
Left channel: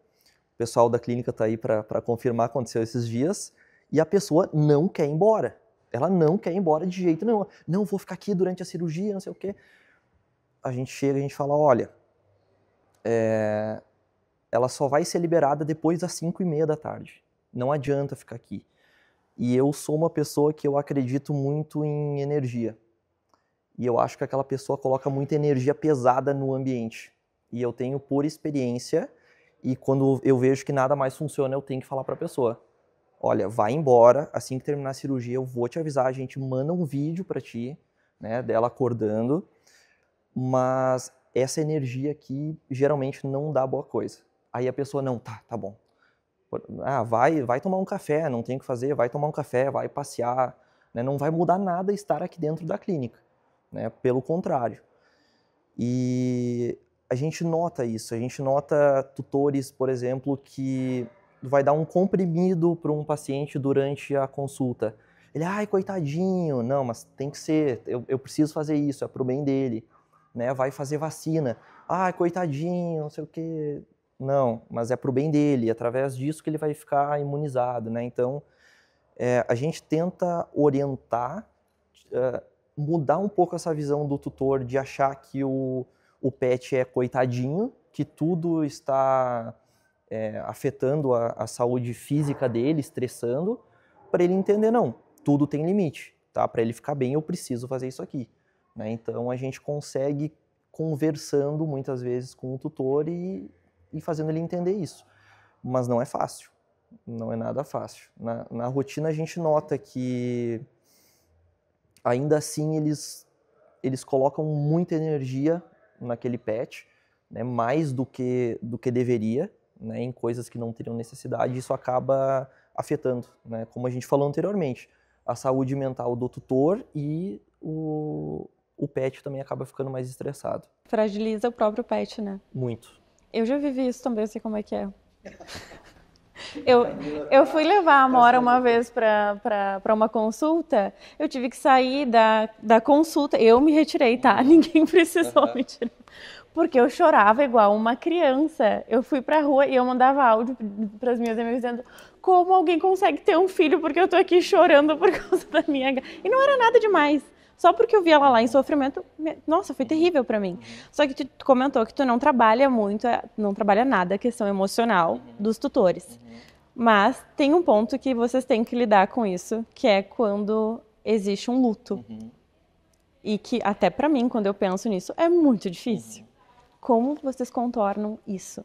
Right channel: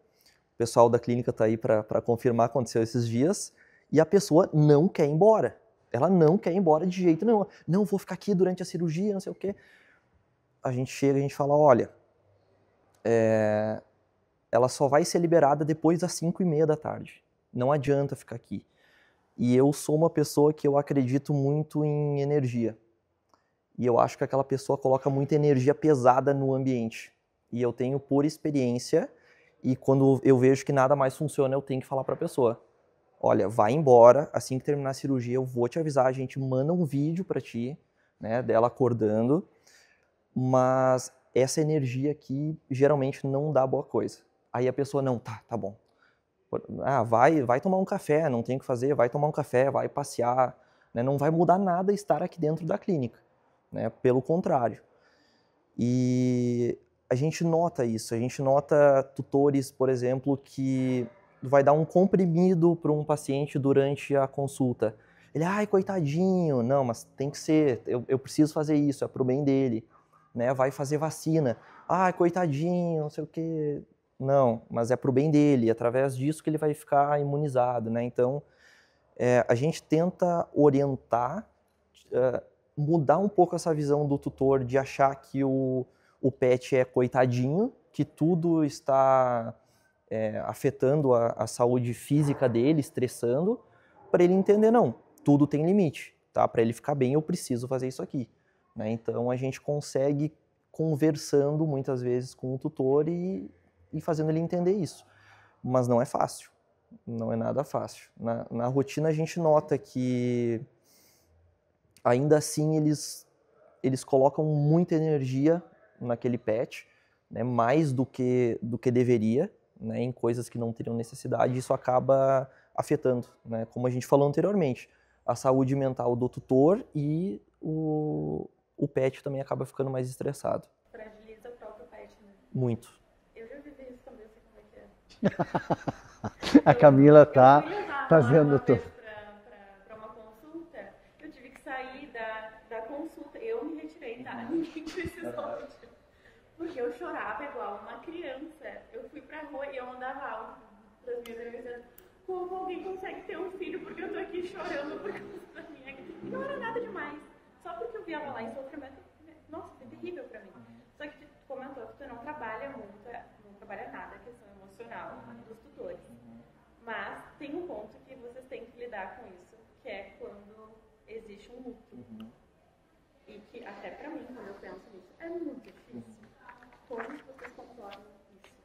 o pessoal da clínica está aí para confirmar, aconteceu esses dias, e a pessoa não quer ir embora. Ela não quer ir embora de jeito nenhum. Não, vou ficar aqui durante a cirurgia, não sei o quê. A gente chega e a gente fala, olha, ela só vai ser liberada depois das 5:30 da tarde. Não adianta ficar aqui. E eu sou uma pessoa que eu acredito muito em energia. E eu acho que aquela pessoa coloca muita energia pesada no ambiente. E eu tenho por experiência, e quando eu vejo que nada mais funciona, eu tenho que falar para a pessoa, olha, vai embora, assim que terminar a cirurgia eu vou te avisar, a gente manda um vídeo para ti, né, dela acordando, mas essa energia aqui geralmente não dá boa coisa. Aí a pessoa, não, tá bom. Vai tomar um café, não tem o que fazer, vai tomar um café, vai passear, né, não vai mudar nada estar aqui dentro da clínica, né, pelo contrário. E a gente nota isso, a gente nota tutores, por exemplo, que vai dar um comprimido para um paciente durante a consulta. Ele, ai, coitadinho, não, mas tem que ser, eu preciso fazer isso, é pro bem dele, né, vai fazer vacina, ai, coitadinho, não sei o quê. Não, mas é pro bem dele, através disso que ele vai ficar imunizado, né? Então, a gente tenta orientar, mudar um pouco essa visão do tutor de achar que o pet é coitadinho, que tudo está afetando a saúde física dele, estressando, para ele entender, não, tudo tem limite, tá? Para ele ficar bem, eu preciso fazer isso aqui, né? Então, a gente consegue conversando muitas vezes com o tutor e fazendo ele entender isso. mas não é fácil, não é nada fácil. Na rotina a gente nota que ainda assim eles colocam muita energia naquele pet, né, mais do que deveria, né, em coisas que não teriam necessidade, e isso acaba afetando, né, como a gente falou anteriormente, a saúde mental do tutor e o pet também acaba ficando mais estressado. Fragiliza o próprio pet, né? Muito. Eu já vivi isso também, eu sei como é que é. A Camila tá eu fui levar a Amora uma fazendo vez para uma consulta, eu tive que sair da consulta, eu me retirei, tá? Ninguém precisou me tirar. Porque eu chorava igual uma criança. Eu fui pra rua e eu mandava áudio para as minhas amigas dizendo como alguém consegue ter um filho porque eu tô aqui chorando por causa da minha gata. E não era nada demais. Só porque eu vi ela lá em sofrimento, nossa, foi terrível pra mim. Só que tu comentou que tu não trabalha muito, não trabalha nada a questão emocional dos tutores. Mas tem um ponto que vocês têm que lidar com isso, que é quando existe um luto. E que até pra mim, quando eu penso nisso, é muito difícil. Como vocês contornam isso?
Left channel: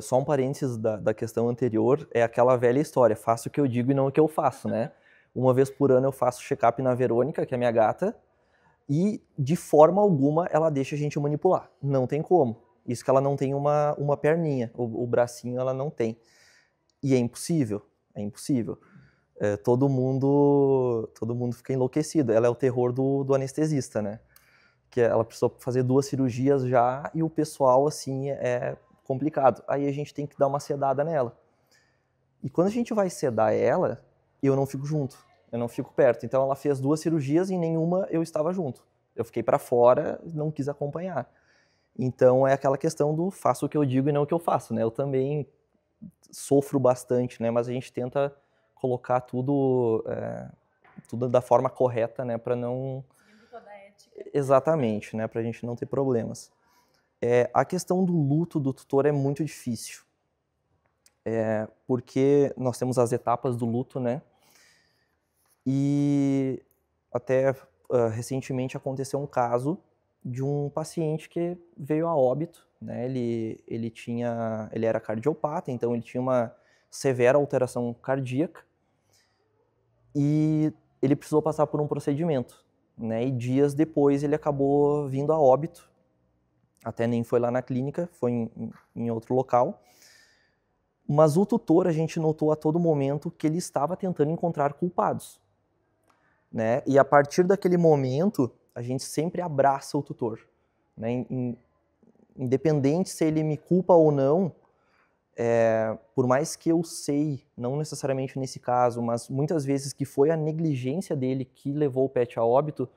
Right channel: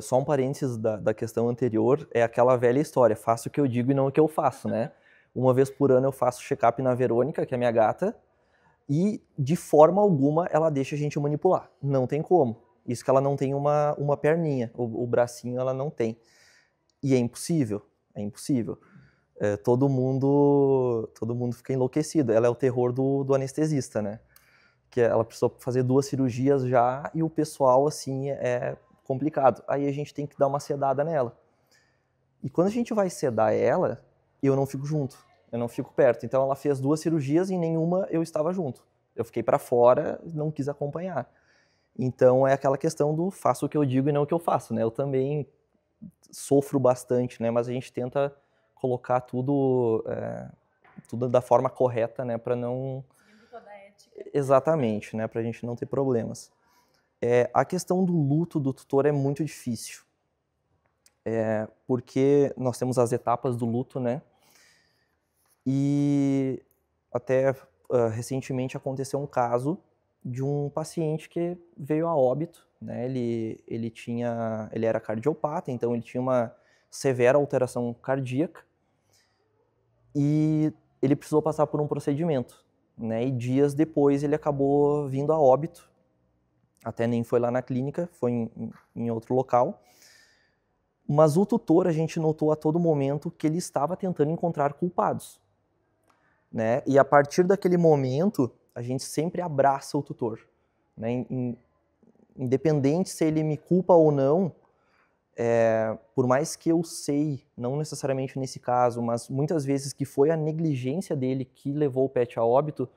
Só um parênteses da questão anterior, é aquela velha história, faço o que eu digo e não o que eu faço, né? Uma vez por ano eu faço check-up na Verônica, que é minha gata, e de forma alguma ela deixa a gente manipular. Não tem como. Isso que ela não tem uma perninha, o bracinho ela não tem. E é impossível, é impossível. Todo mundo fica enlouquecido. Ela é o terror do anestesista, né? Que ela precisou fazer 2 cirurgias já e o pessoal, assim, é complicado. Aí a gente tem que dar uma sedada nela. E quando a gente vai sedar ela, eu não fico junto, eu não fico perto. Então ela fez 2 cirurgias e em nenhuma eu estava junto. Eu fiquei para fora, não quis acompanhar. Então é aquela questão do faço o que eu digo e não o que eu faço, né? Eu também sofro bastante, né? Mas a gente tenta colocar tudo da forma correta, né? Para não... Seguindo toda a ética. Exatamente, né? Para a gente não ter problemas. A questão do luto do tutor é muito difícil. Porque nós temos as etapas do luto, né? E até recentemente aconteceu um caso de um paciente que veio a óbito, né? Ele era cardiopata, então ele tinha uma severa alteração cardíaca e ele precisou passar por um procedimento, né? E dias depois ele acabou vindo a óbito, até nem foi lá na clínica, foi em outro local. Mas o tutor, a gente notou a todo momento que ele estava tentando encontrar culpados, né? E a partir daquele momento, a gente sempre abraça o tutor, né? Independente se ele me culpa ou não, por mais que eu sei, não necessariamente nesse caso, mas muitas vezes que foi a negligência dele que levou o pet a óbito,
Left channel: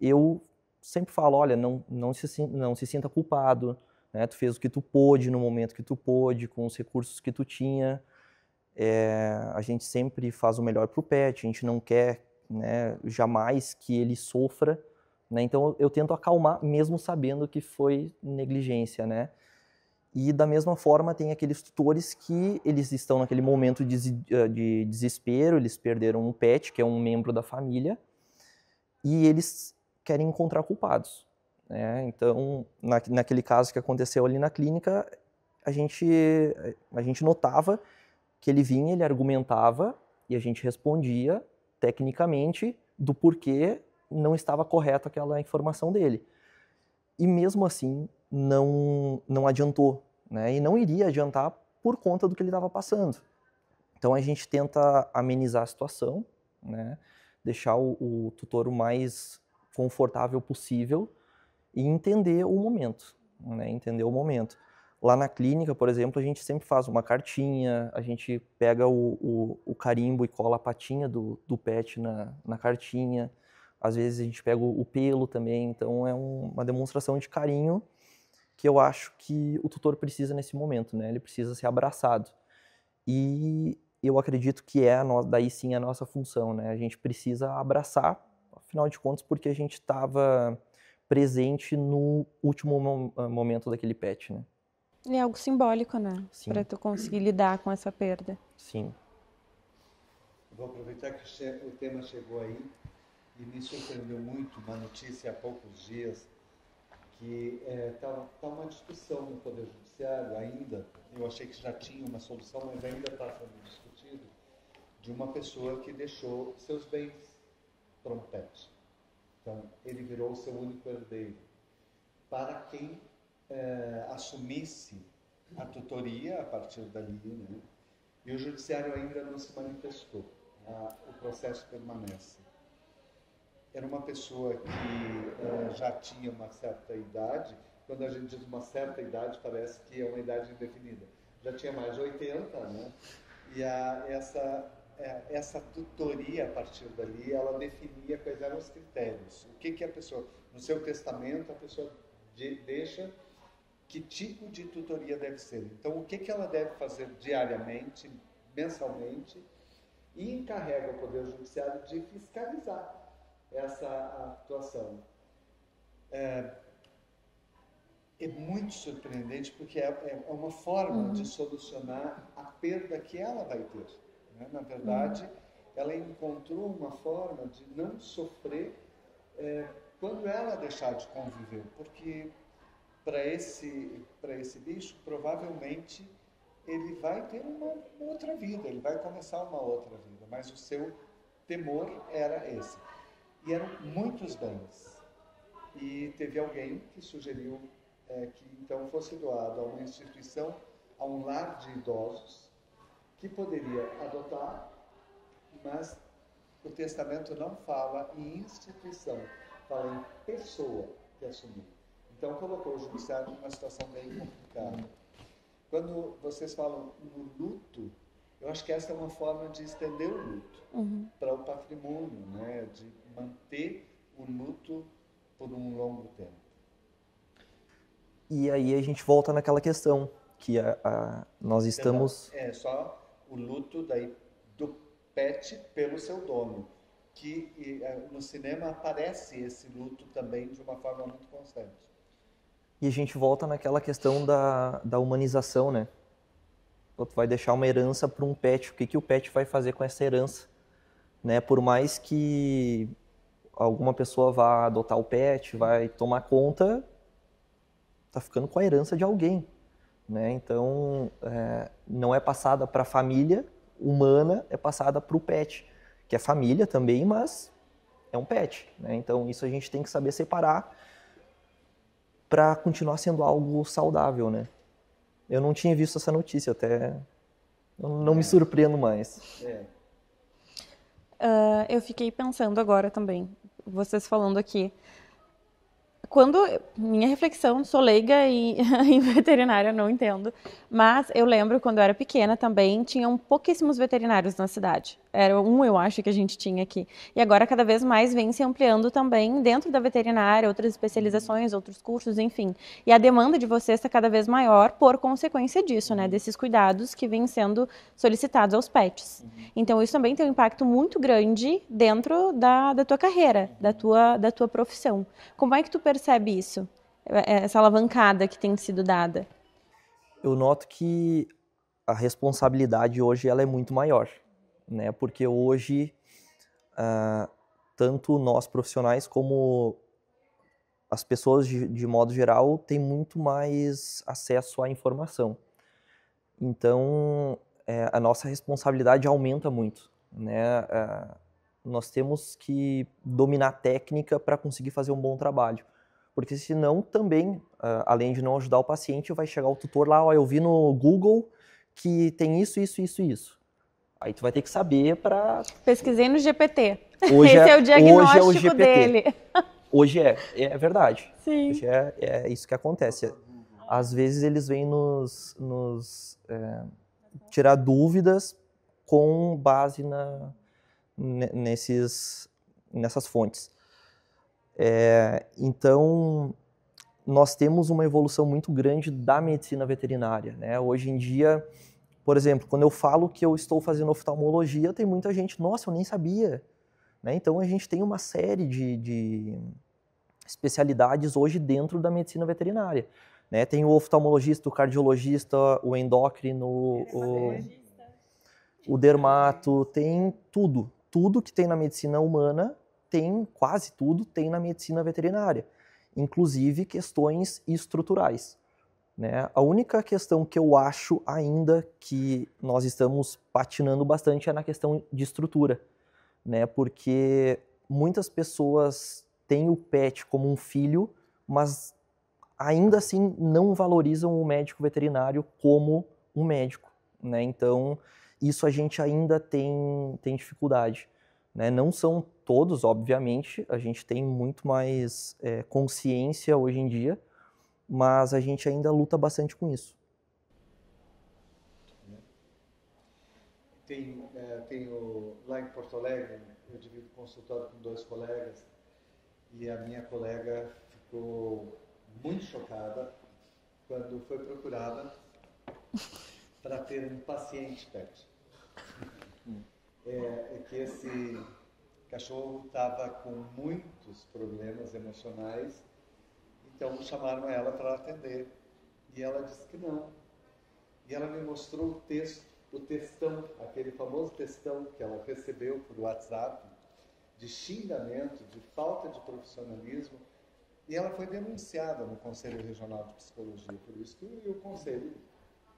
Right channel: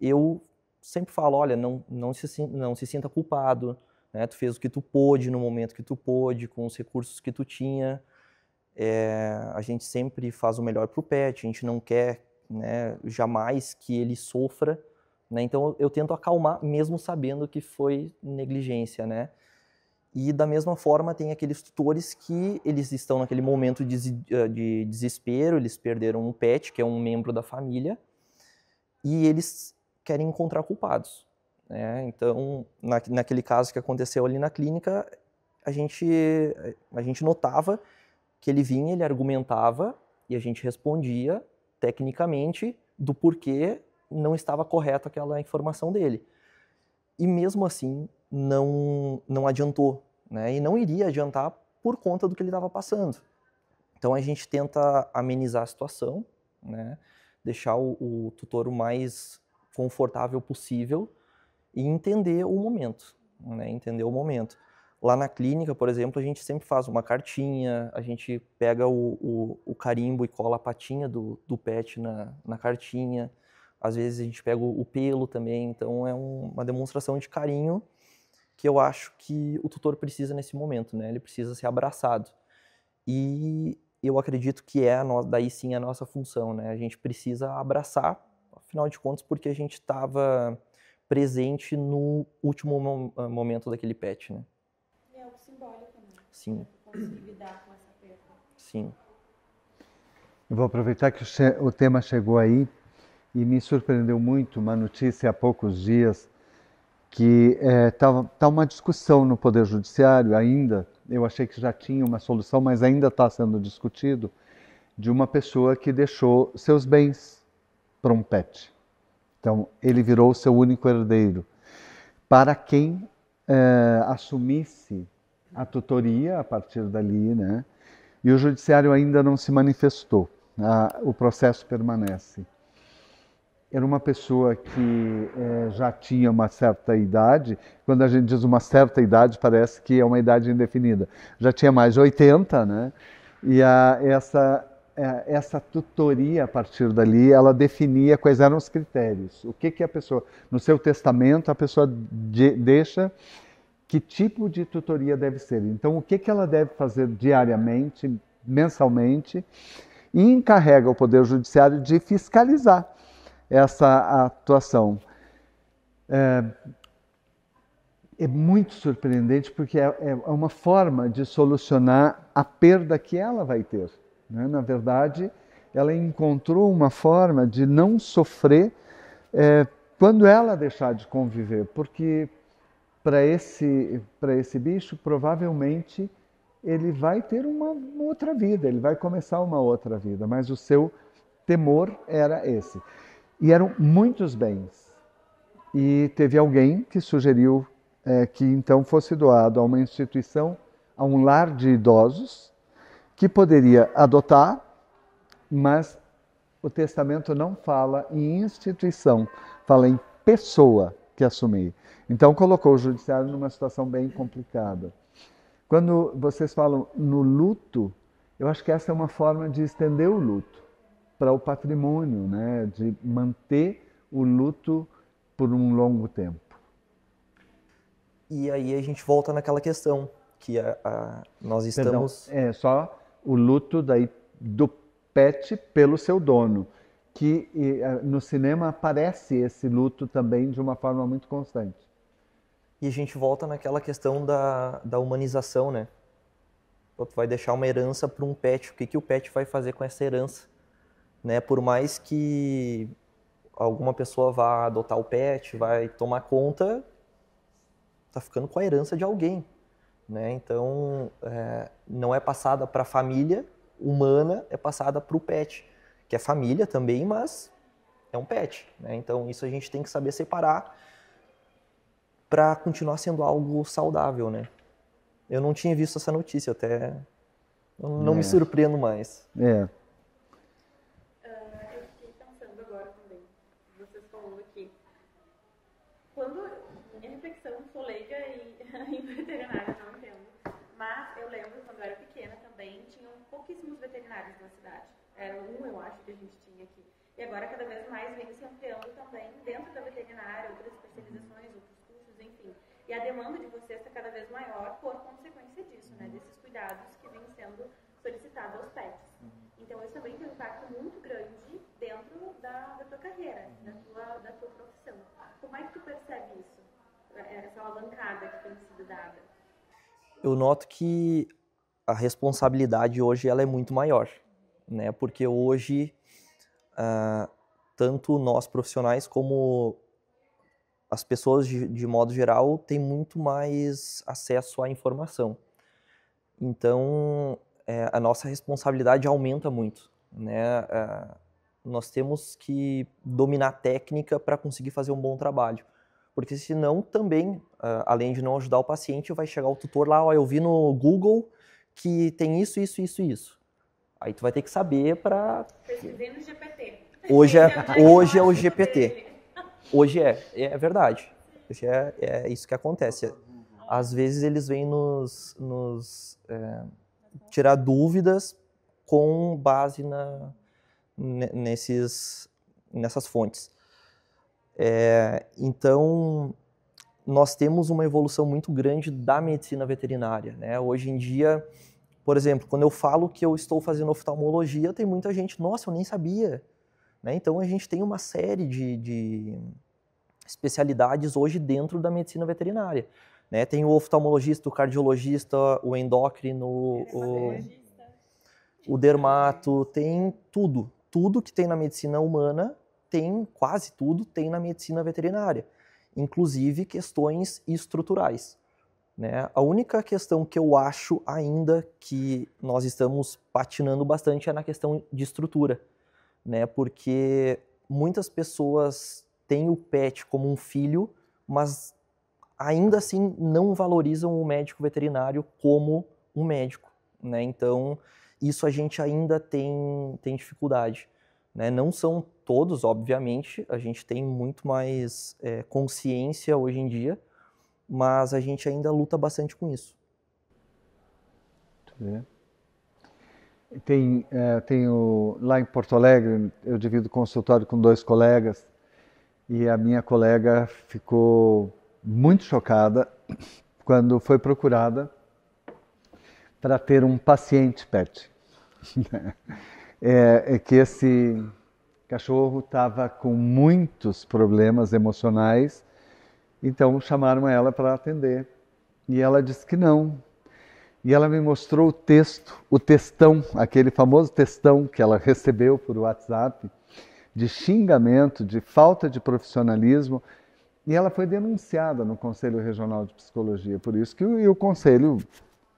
eu sempre falo, olha, não se sinta culpado, né? Tu fez o que tu pôde no momento que tu pôde, com os recursos que tu tinha. A gente sempre faz o melhor pro pet, a gente não quer, né, jamais que ele sofra, né? Então eu tento acalmar, mesmo sabendo que foi negligência, né? E da mesma forma tem aqueles tutores que eles estão naquele momento de desespero, eles perderam um pet, que é um membro da família, e eles querem encontrar culpados. Então, naquele caso que aconteceu ali na clínica, a gente notava que ele vinha, ele argumentava e a gente respondia tecnicamente do porquê não estava correta aquela informação dele. E mesmo assim, não adiantou, né? E não iria adiantar por conta do que ele estava passando. Então, a gente tenta amenizar a situação, né? Deixar o tutor o mais confortável possível e entender o momento, né? Entender o momento. Lá na clínica, por exemplo, a gente sempre faz uma cartinha, a gente pega o carimbo e cola a patinha do pet na cartinha. Às vezes a gente pega o pelo também, então é uma demonstração de carinho que eu acho que o tutor precisa nesse momento, né? Ele precisa ser abraçado. E eu acredito que daí sim a nossa função, né? A gente precisa abraçar, afinal de contas, porque a gente estava presente no último momento daquele pet, né? É algo simbólico, né? Sim. Para tu conseguir lidar com essa perda. Sim. Eu vou aproveitar que o tema chegou aí e me surpreendeu muito uma notícia há poucos dias que tá uma discussão no Poder Judiciário ainda, eu achei que já tinha uma solução, mas ainda está sendo discutido, de uma pessoa que deixou seus bens para um pet. Então, ele virou o seu único herdeiro. Para quem assumisse a tutoria a partir dali, né? E o judiciário ainda não se manifestou. O processo permanece. Era uma pessoa que já tinha uma certa idade. Quando a gente diz uma certa idade, parece que é uma idade indefinida. Já tinha mais de 80, né? E essa tutoria, a partir dali, ela definia quais eram os critérios. O que a pessoa, no seu testamento, a pessoa deixa que tipo de tutoria deve ser. Então, o que ela deve fazer diariamente, mensalmente, e encarrega o Poder Judiciário de fiscalizar essa atuação. É muito surpreendente porque é uma forma de solucionar a perda que ela vai ter. Né? Na verdade, ela encontrou uma forma de não sofrer quando ela deixar de conviver, porque para esse bicho, provavelmente, ele vai ter uma outra vida, ele vai começar uma outra vida, mas o seu temor era esse. E eram muitos bens. E teve alguém que sugeriu que então fosse doado a uma instituição, a um lar de idosos, que poderia adotar, mas o testamento não fala em instituição, fala em pessoa que assumir. Então colocou o judiciário numa situação bem complicada. Quando vocês falam no luto, eu acho que essa é uma forma de estender o luto para o patrimônio, né? De manter o luto por um longo tempo. E aí a gente volta naquela questão que nós estamos... Perdão, só o luto do pet pelo seu dono, que no cinema aparece esse luto também de uma forma muito constante. E a gente volta naquela questão da humanização, né? Tu vai deixar uma herança para um pet, o que o pet vai fazer com essa herança? Né? Por mais que alguma pessoa vá adotar o pet, vai tomar conta, tá ficando com a herança de alguém. Né? Então, não é passada para a família humana, é passada para o pet, que é família também, mas é um pet. Né? Então, isso a gente tem que saber separar para continuar sendo algo saudável, né? Eu não tinha visto essa notícia, até não me surpreendo mais. Eu fiquei pensando agora também, vocês falando aqui. Minha reflexão, sou leiga em veterinária, não entendo, mas eu lembro quando eu era pequena também, tinham pouquíssimos veterinários na cidade. Era eu acho, que a gente tinha aqui. E agora cada vez mais vem se ampliando também dentro da veterinária, outras especializações, outros cursos, enfim. E a demanda de vocês está cada vez maior por consequência disso, né? Desses cuidados que vêm sendo solicitados aos pets. Então isso também tem um impacto muito grande dentro da tua carreira, da tua profissão. Como é que tu percebe isso? Essa alavancada que tem sido dada? Eu noto que a responsabilidade hoje ela é muito maior, né? Porque hoje, tanto nós profissionais como as pessoas de modo geral têm muito mais acesso à informação. Então, a nossa responsabilidade aumenta muito, né? Nós temos que dominar a técnica para conseguir fazer um bom trabalho. Porque senão também, além de não ajudar o paciente, vai chegar o tutor lá, eu vi no Google que tem isso. Aí tu vai ter que saber para... Pesquisei no GPT. Hoje Esse é o diagnóstico hoje é o GPT. dele. Hoje é verdade. Sim. Hoje é isso que acontece. Às vezes eles vêm nos tirar dúvidas com base nessas fontes. Então, nós temos uma evolução muito grande da medicina veterinária, né? Hoje em dia, por exemplo, quando eu falo que eu estou fazendo oftalmologia, tem muita gente, nossa, eu nem sabia. Né? Então, a gente tem uma série de especialidades hoje dentro da medicina veterinária. Né? Tem o oftalmologista, o cardiologista, o endócrino, o dermato, tem tudo. Tudo que tem na medicina humana quase tudo tem na medicina veterinária, inclusive questões estruturais. né? A única questão que eu acho ainda que nós estamos patinando bastante é na questão de estrutura, né? Porque muitas pessoas têm o pet como um filho, mas ainda assim não valorizam o médico veterinário como um médico, né? Então, isso a gente ainda tem dificuldade, né? Não são todos, obviamente, a gente tem muito mais consciência hoje em dia, mas a gente ainda luta bastante com isso. Tenho lá em Porto Alegre, eu divido consultório com 2 colegas, e a minha colega ficou muito chocada quando foi procurada para ter um paciente pet. É que esse cachorro estava com muitos problemas emocionais, então chamaram ela para atender. E ela disse que não. E ela me mostrou o textão, aquele famoso textão que ela recebeu por WhatsApp, de xingamento, de falta de profissionalismo. E ela foi denunciada no Conselho Regional de Psicologia, por isso que o Conselho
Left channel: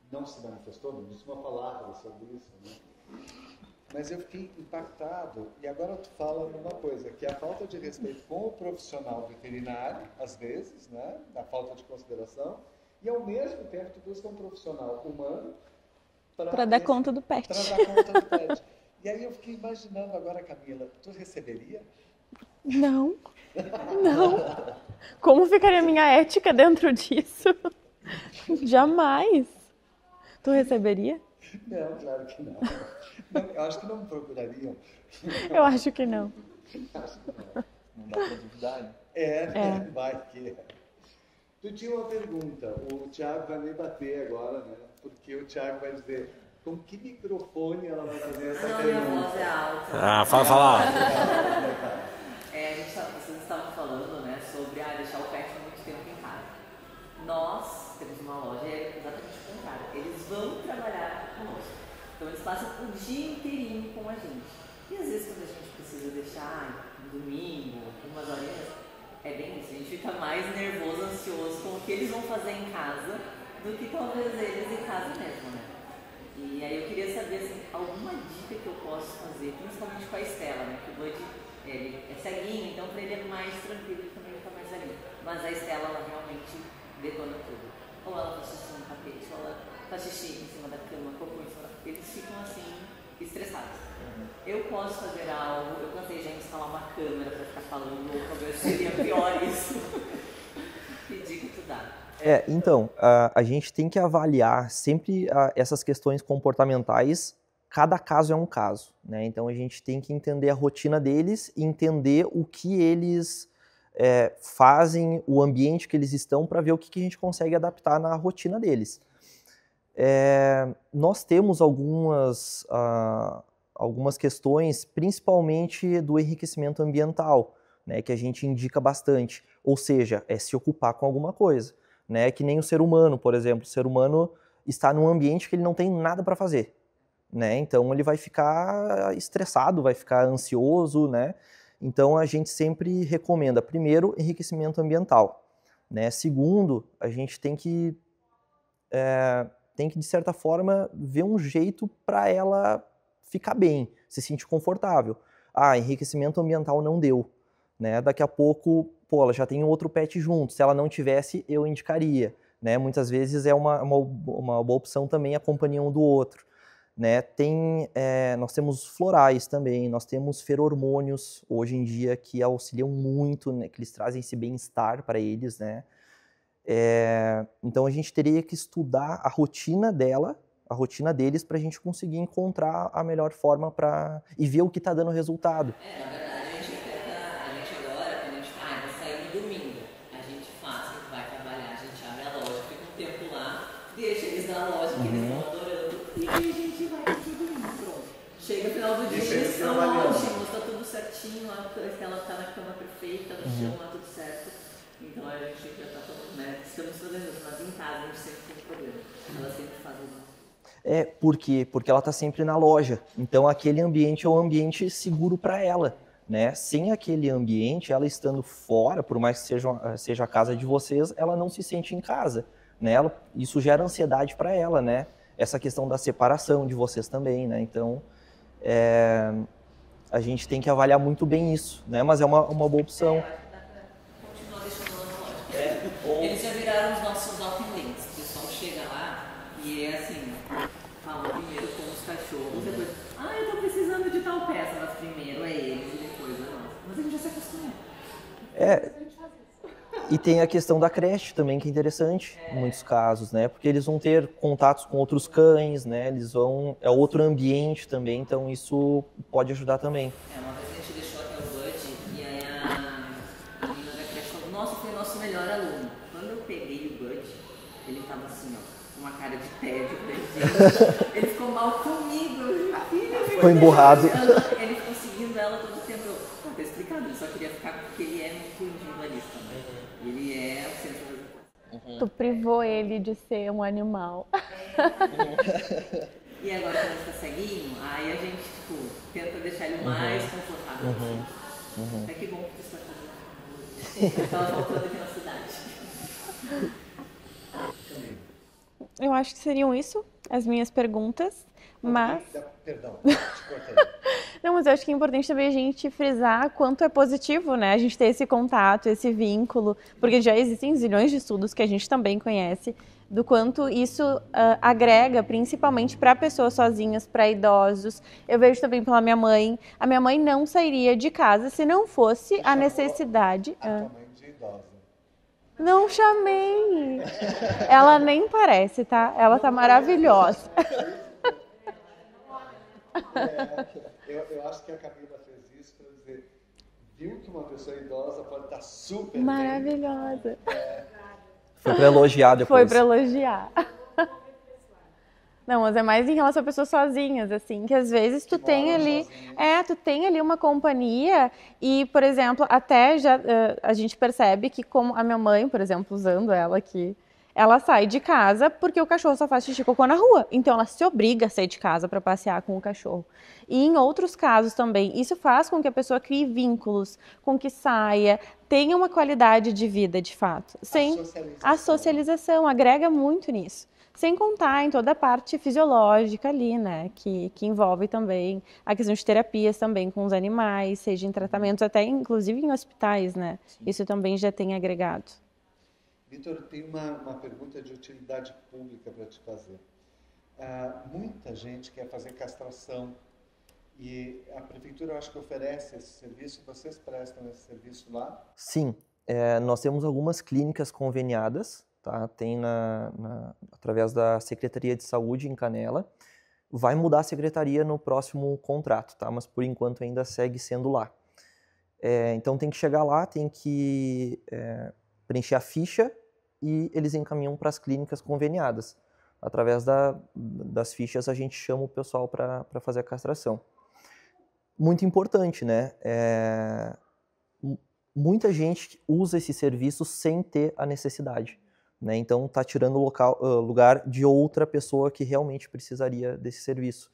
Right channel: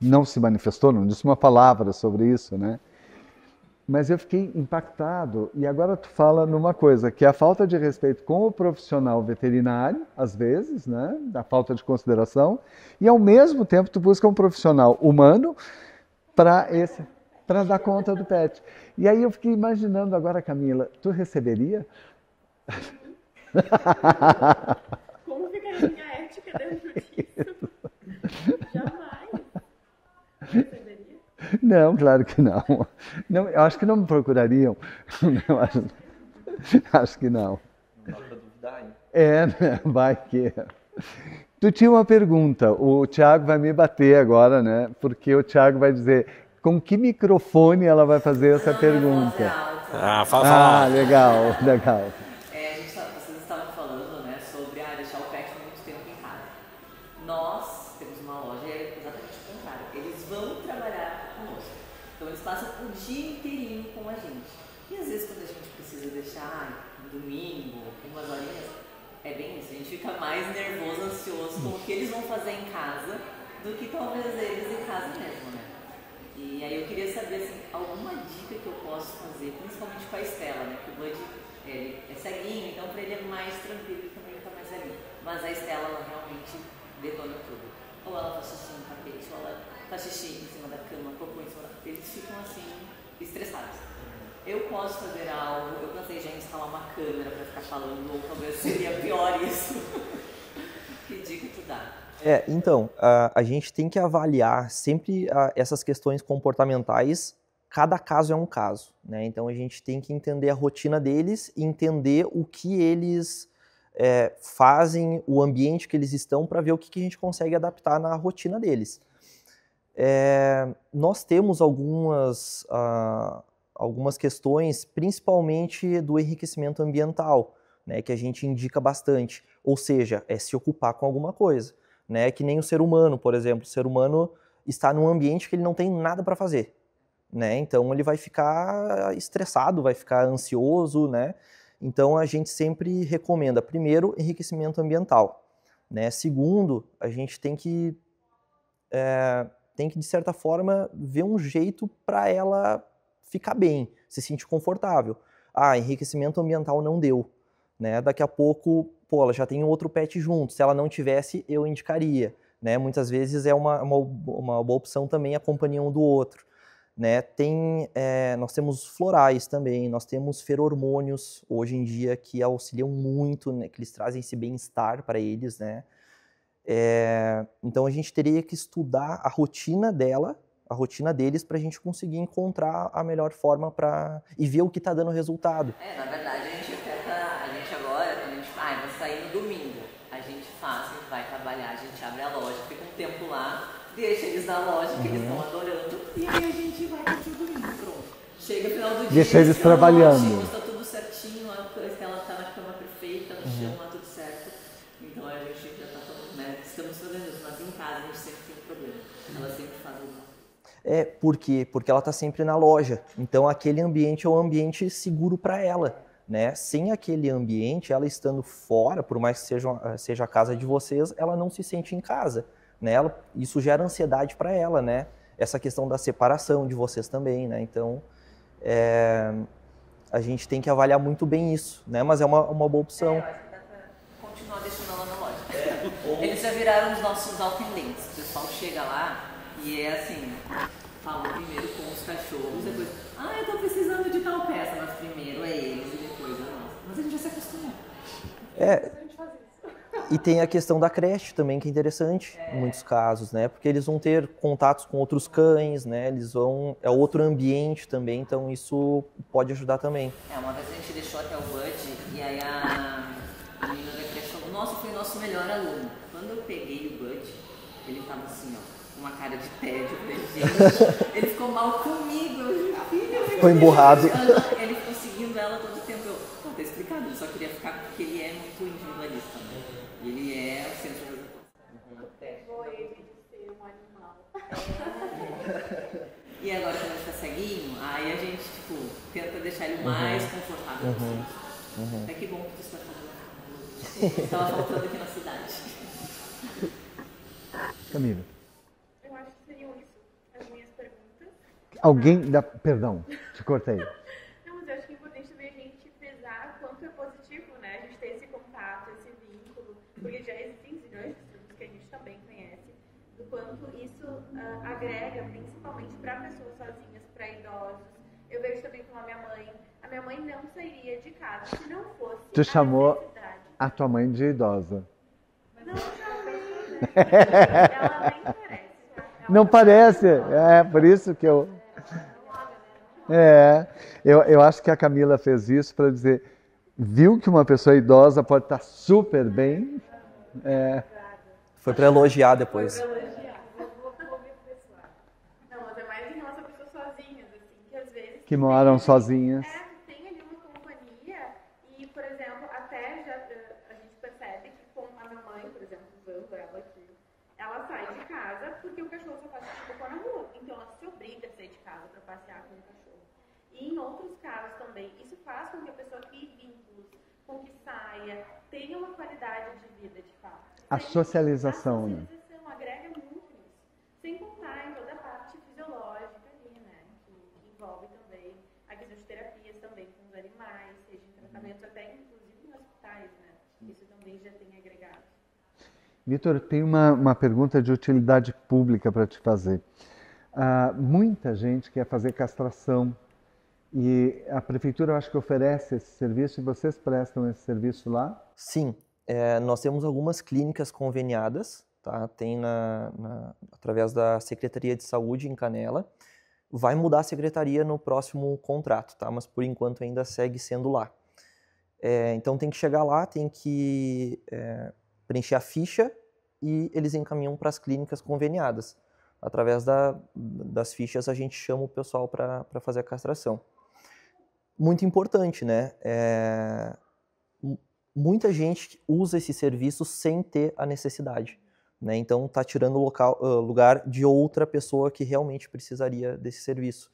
não se manifestou, não disse uma palavra sobre isso, né? Mas eu fiquei impactado, e agora tu fala numa coisa, que é a falta de respeito com o profissional veterinário, às vezes, né? Da falta de consideração, e ao mesmo tempo tu busca um profissional humano para dar conta do pet. Para dar conta do pet. E aí eu fiquei imaginando agora, Camila, tu receberia? Não. Não. Como ficaria a minha ética dentro disso? Jamais. Tu receberia? Não, claro que não. Não, eu acho que não me procurariam. Eu acho que não. Acho que não. Né? Vai que... Tu tinha uma pergunta, o Thiago vai me bater agora, né? Porque o Thiago vai dizer com que microfone ela vai fazer essa pergunta. Fala. Legal. Vocês estavam falando, né, sobre deixar o pet muito tempo em casa. Nós temos uma loja, é exatamente o contrário. Eles vão trabalhar conosco. Então eles passam o dia inteirinho com a gente. E às vezes quando a gente precisa deixar um domingo, umas horinhas, é bem isso. A gente fica mais nervoso, ansioso com o que eles vão fazer em casa do que talvez eles em casa mesmo, né? E aí eu queria saber, assim, alguma dica que eu posso fazer, principalmente com a Estela, né? Que o Bud, ele é ceguinho, então para ele é mais tranquilo e também fica mais ceguinho. Mas a Estela, ela realmente detona tudo. Ou ela faz xixi no tapete, ou ela faz xixi em cima da cama, cocô em cima da cama. Eles ficam assim, estressados. Eu posso fazer algo, eu pensei já em instalar uma câmera para ficar falando, ou talvez seria pior isso. Que dica tu dá? Então, a gente tem que avaliar sempre essas questões comportamentais, cada caso é um caso, né? Então a gente tem que entender a rotina deles e entender o que eles fazem, o ambiente que eles estão, para ver o que a gente consegue adaptar na rotina deles. Nós temos algumas questões, principalmente do enriquecimento ambiental, né, que a gente indica bastante, ou seja, se ocupar com alguma coisa, né, que nem o ser humano, por exemplo. O ser humano está num ambiente que ele não tem nada para fazer, né, então ele vai ficar estressado, vai ficar ansioso, né, então a gente sempre recomenda, primeiro, enriquecimento ambiental, né, segundo, a gente tem que de certa forma ver um jeito para ela ficar bem, se sentir confortável. Enriquecimento ambiental não deu, né? Daqui a pouco, ela já tem outro pet junto. Se ela não tivesse, eu indicaria, né? Muitas vezes é uma boa opção também a companhia um do outro, né? Nós temos florais também, nós temos feromônios hoje em dia que auxiliam muito, né? Que eles trazem esse bem-estar para eles, né? Então a gente teria que estudar a rotina deles para a gente conseguir encontrar a melhor forma e ver o que está dando resultado. Na verdade, a gente agora, vai sair no domingo, a gente vai trabalhar, a gente abre a loja, fica um tempo lá, deixa eles na loja, que eles estão adorando, e aí a gente vai aqui no domingo, pronto. Chega no final do dia, deixa eles trabalhando. Ótimos, está tudo certinho, a Estela está na cama perfeita, no chão, tá tudo certo. Então a gente já está falando, né? Estamos fazendo isso, mas em casa a gente sempre tem problema. Ela sempre faz alguma coisa. Por quê? Porque ela está sempre na loja. Então aquele ambiente é um ambiente seguro para ela, né? Sem aquele ambiente, ela estando fora, por mais que seja a casa de vocês, ela não se sente em casa, né? Isso gera ansiedade para ela, né? Essa questão da separação de vocês também, né? Então, a gente tem que avaliar muito bem isso, né? Mas é uma boa opção. Continuar deixando ela na loja. Eles já viraram os nossos alpinlinks. O pessoal chega lá e é assim, fala primeiro com os cachorros, depois, eu tô precisando de tal peça, mas primeiro é eles e depois é nós. Mas a gente já se acostumou. E tem a questão da creche também, que é interessante em muitos casos, né? Porque eles vão ter contatos com outros cães, né? É outro ambiente também, então isso pode ajudar também. Uma vez a gente deixou até o Bud e aí a menina da creche falou, nossa, foi o nosso melhor aluno. Quando eu peguei o Bud, ele tava assim, ó, com uma cara de tédio. Gente, ele ficou mal comigo. Ficou emburrado. Ele ficou seguindo ela todo o tempo. Tá explicado, ele só queria ficar porque ele é muito individualista, né? Ele é o centro das atenções. Tu privou ele de ser um animal. E agora quando ele fica ceguinho, aí a gente, tenta deixar ele o mais confortável possível. É que bom que você está fazendo. Estava faltando aqui na cidade. Camila. Eu acho que seriam isso, as minhas perguntas. Perdão, te cortei. Não, mas eu acho que é importante também a gente frisar quanto é positivo, né? A gente ter esse contato, esse vínculo, porque já existem zilhões de estudos que a gente também conhece, do quanto isso agrega, principalmente para pessoas sozinhas, para idosos. Eu vejo também pela minha mãe. A minha mãe não sairia de casa se não fosse a necessidade. A tua mãe de idosa. Não chamei. Ela nem parece, tá? Ela não tá parece. Maravilhosa. É, por isso que eu... Eu acho que a Camila fez isso para dizer, viu que uma pessoa idosa pode estar super bem. Maravilhosa. Foi para elogiar depois. Foi para elogiar. Não, mas é mais em relação a pessoas sozinhas, assim, que às vezes tu tem ali... sozinhas. Tu tem ali uma companhia e, por exemplo, até já a gente percebe que como a minha mãe, por exemplo, usando ela aqui, ela sai de casa porque o cachorro só faz xixi e cocô na rua. Então, ela se obriga a sair de casa para passear com o cachorro. E em outros casos também, isso faz com que a pessoa crie vínculos, com que saia, tenha uma qualidade de vida, de fato. A socialização agrega muito nisso. Sem contar em toda a parte fisiológica ali, né? Que envolve também a questão de terapias também com os animais, seja em tratamentos, até inclusive em hospitais, né? Isso também já tem agregado. Vitor, tem uma pergunta de utilidade pública para te fazer. Muita gente quer fazer castração e a prefeitura, eu acho que oferece esse serviço e vocês prestam esse serviço lá? Sim, nós temos algumas clínicas conveniadas, tá? Tem através da Secretaria de Saúde em Canela. Vai mudar a secretaria no próximo contrato, tá? Mas por enquanto ainda segue sendo lá. Então tem que chegar lá, tem que preencher a ficha e eles encaminham para as clínicas conveniadas. Através das fichas a gente chama o pessoal para fazer a castração. Muito importante, né? Muita gente usa esse serviço sem ter a necessidade, né? Então está tirando o lugar de outra pessoa que realmente precisaria desse serviço.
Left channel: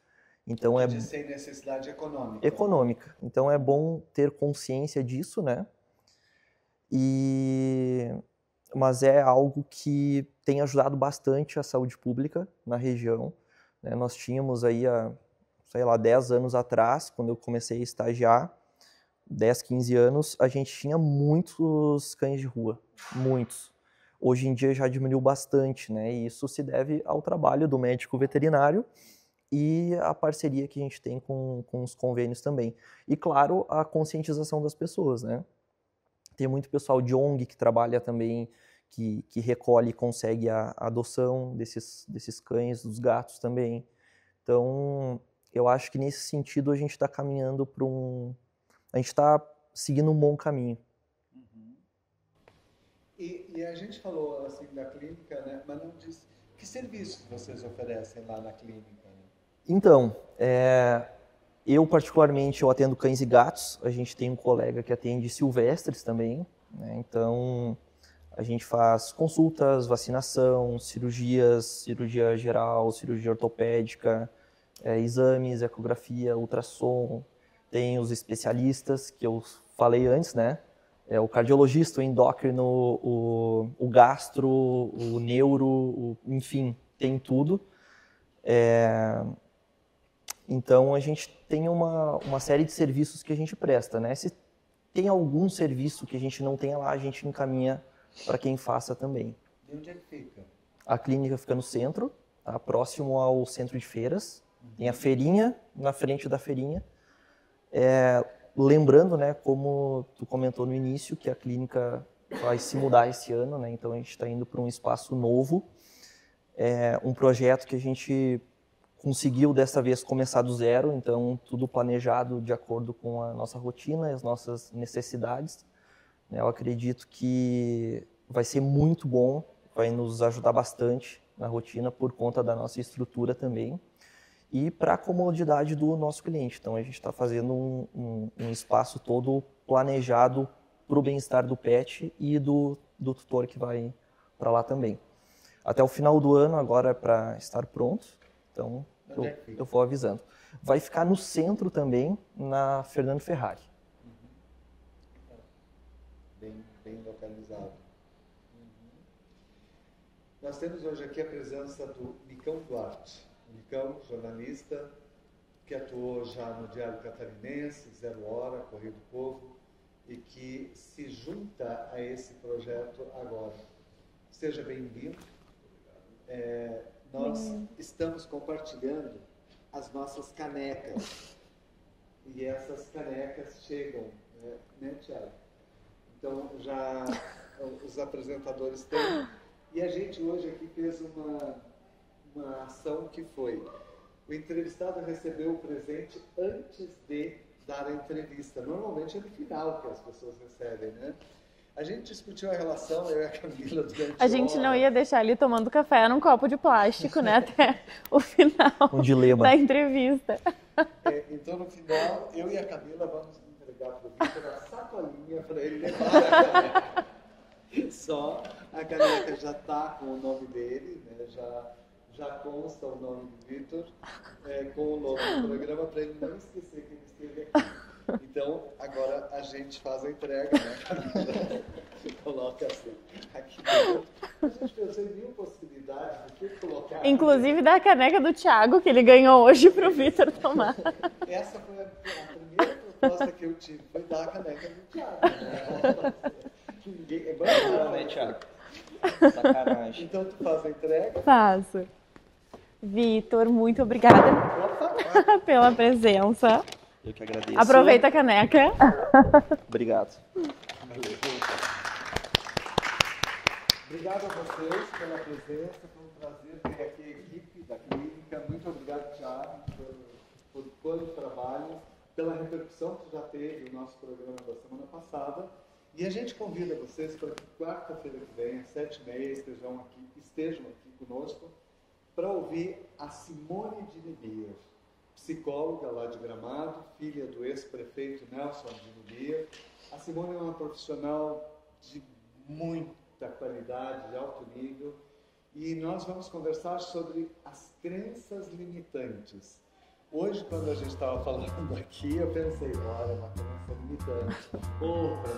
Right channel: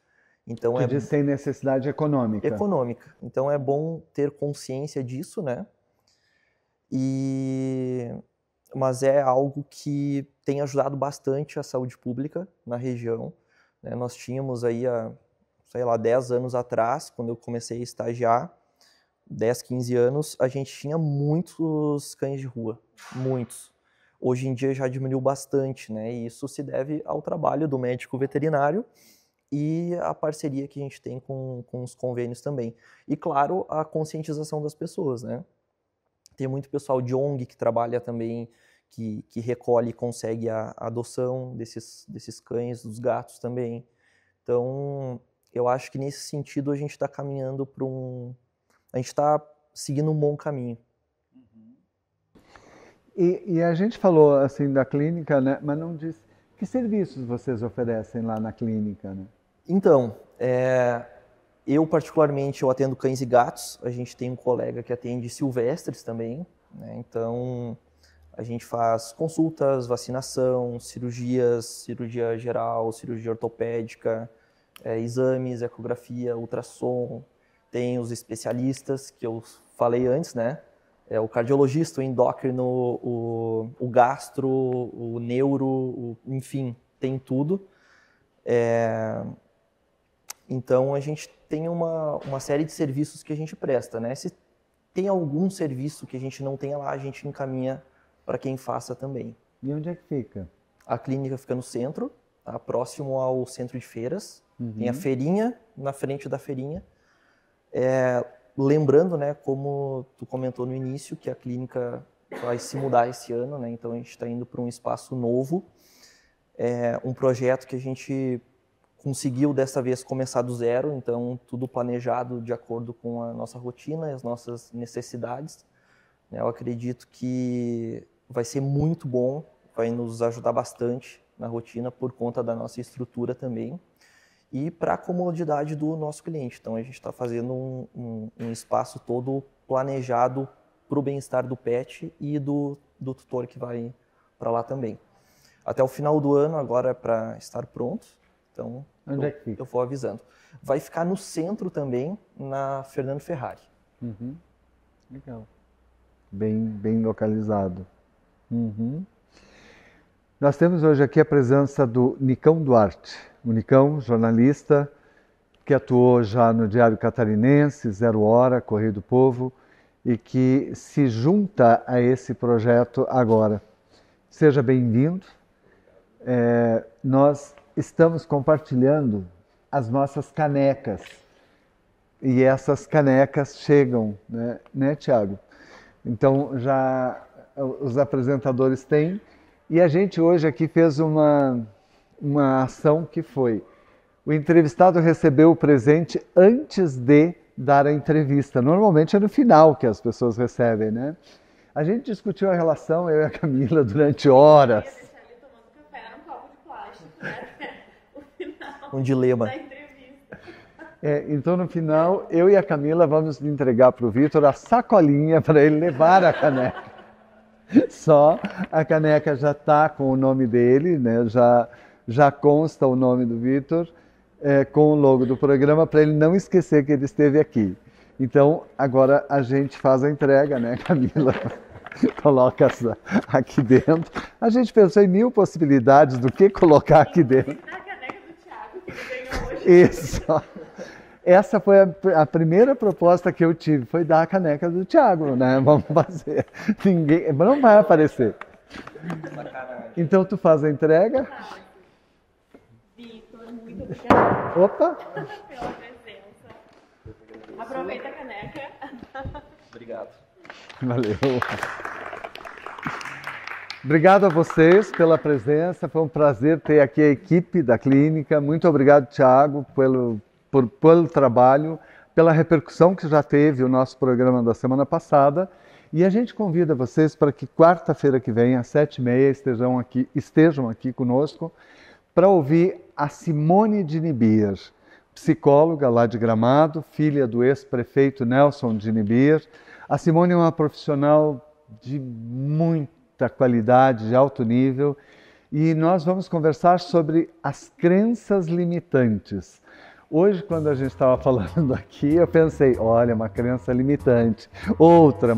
Então sem necessidade econômica. Econômica. Então é bom ter consciência disso, né? Mas é algo que tem ajudado bastante a saúde pública na região, né? Nós tínhamos aí, sei lá, 10 anos atrás, quando eu comecei a estagiar, 10, 15 anos, a gente tinha muitos cães de rua, muitos. Hoje em dia já diminuiu bastante, né? E isso se deve ao trabalho do médico veterinário e a parceria que a gente tem com os convênios também. E, claro, a conscientização das pessoas, né? Tem muito pessoal de ONG que trabalha também, que recolhe e consegue a adoção desses cães, dos gatos também. Então, eu acho que nesse sentido a gente está caminhando para a gente está seguindo um bom caminho. E a gente falou assim da clínica, né? Mas não disse que serviços vocês oferecem lá na clínica, né? Então, eu particularmente eu atendo cães e gatos. A gente tem um colega que atende silvestres também, né? Então a gente faz consultas, vacinação, cirurgia geral, cirurgia ortopédica, exames, ecografia, ultrassom. Tem os especialistas que eu falei antes, né? o cardiologista, o endócrino, o gastro, o neuro, enfim, tem tudo. Então, a gente tem uma série de serviços que a gente presta, né? Se tem algum serviço que a gente não tenha lá, a gente encaminha para quem faça também. E onde é que fica? A clínica fica no centro, tá? Próximo ao centro de feiras. Tem a feirinha, na frente da feirinha. Lembrando, né, como tu comentou no início, que a clínica vai se mudar esse ano, né? Então a gente está indo para um espaço novo. Um projeto que a gente conseguiu dessa vez começar do zero, então tudo planejado de acordo com a nossa rotina e as nossas necessidades. Eu acredito que vai ser muito bom, vai nos ajudar bastante na rotina por conta da nossa estrutura também e para a comodidade do nosso cliente. Então a gente está fazendo um espaço todo planejado para o bem-estar do pet e do tutor que vai para lá também. Até o final do ano agora é para estar pronto, então eu vou avisando. Vai ficar no centro também, na Fernando Ferrari. Legal. Bem localizado. Nós temos hoje aqui a presença do Nicão Duarte. O Nicão, jornalista, que atuou já no Diário Catarinense, Zero Hora, Correio do Povo, e que se junta a esse projeto agora. Seja bem-vindo. Nós estamos compartilhando as nossas canecas. E essas canecas chegam, né, Thiago? Então, já os apresentadores têm. E a gente hoje aqui fez uma ação que foi: o entrevistado recebeu o presente antes de dar a entrevista. Normalmente é no final que as pessoas recebem, né? A gente discutiu a relação, eu e a Camila, durante horas. A gente não ia deixar ele tomando café num copo de plástico, né? Até o final Um dilema. da entrevista. Então, no final, eu e a Camila vamos entregar para o Vitor a sacolinha para ele levar a caneca. Só a caneca já está com o nome dele, né? Já consta o nome do Vitor, com o logo do programa, para ele não esquecer que ele esteve aqui. Então, agora a gente faz a entrega, né, Camila? Coloca aqui dentro. A gente pensou em 1000 possibilidades do que colocar aqui dentro. Inclusive da caneca do Thiago, que ele ganhou hoje para o Vitor tomar. Essa foi a primeira proposta que eu tive, foi dar a caneca do Thiago, né? Vamos fazer. Não vai aparecer. Então, tu faz a entrega? Faço. Vitor, muito obrigada pela presença. Eu que agradeço. Aproveita a caneca. Obrigado. Valeu. Obrigado a vocês pela presença. Foi um prazer ter aqui a equipe da clínica. Muito obrigado, Thiago, pelo trabalho, pela repercussão que já teve o nosso programa da semana passada. E a gente convida vocês para que quarta-feira que vem, às 7h30, estejam aqui conosco para ouvir a Simone Dinibier, psicóloga lá de Gramado, filha do ex-prefeito Nelson Dinibier. A Simone é uma profissional de muita qualidade, de alto nível, e nós vamos conversar sobre as crenças limitantes. Hoje, quando a gente estava falando aqui, eu pensei, olha, uma crença limitante, outra,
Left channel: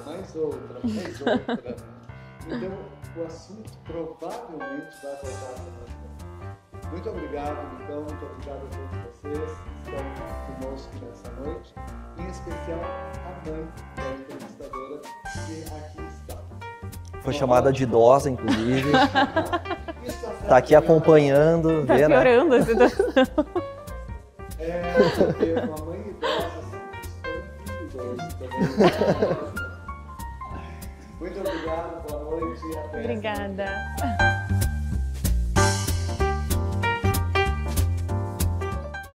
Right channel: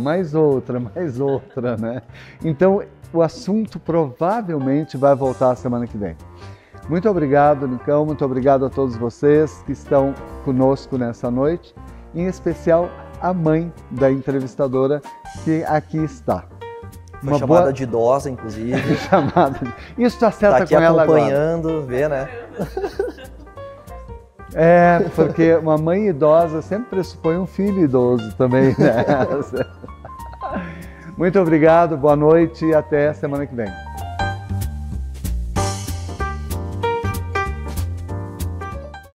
né? Então, o assunto provavelmente vai voltar a semana que vem. Muito obrigado, Nicão, muito obrigado a todos vocês que estão conosco nessa noite, em especial a mãe da entrevistadora que aqui está. Foi chamada de idosa, inclusive. Isso acerta tá aqui com ela acompanhando, agora. vê, né? Porque uma mãe idosa sempre pressupõe um filho idoso também. Né? Muito obrigado, boa noite e até semana que vem.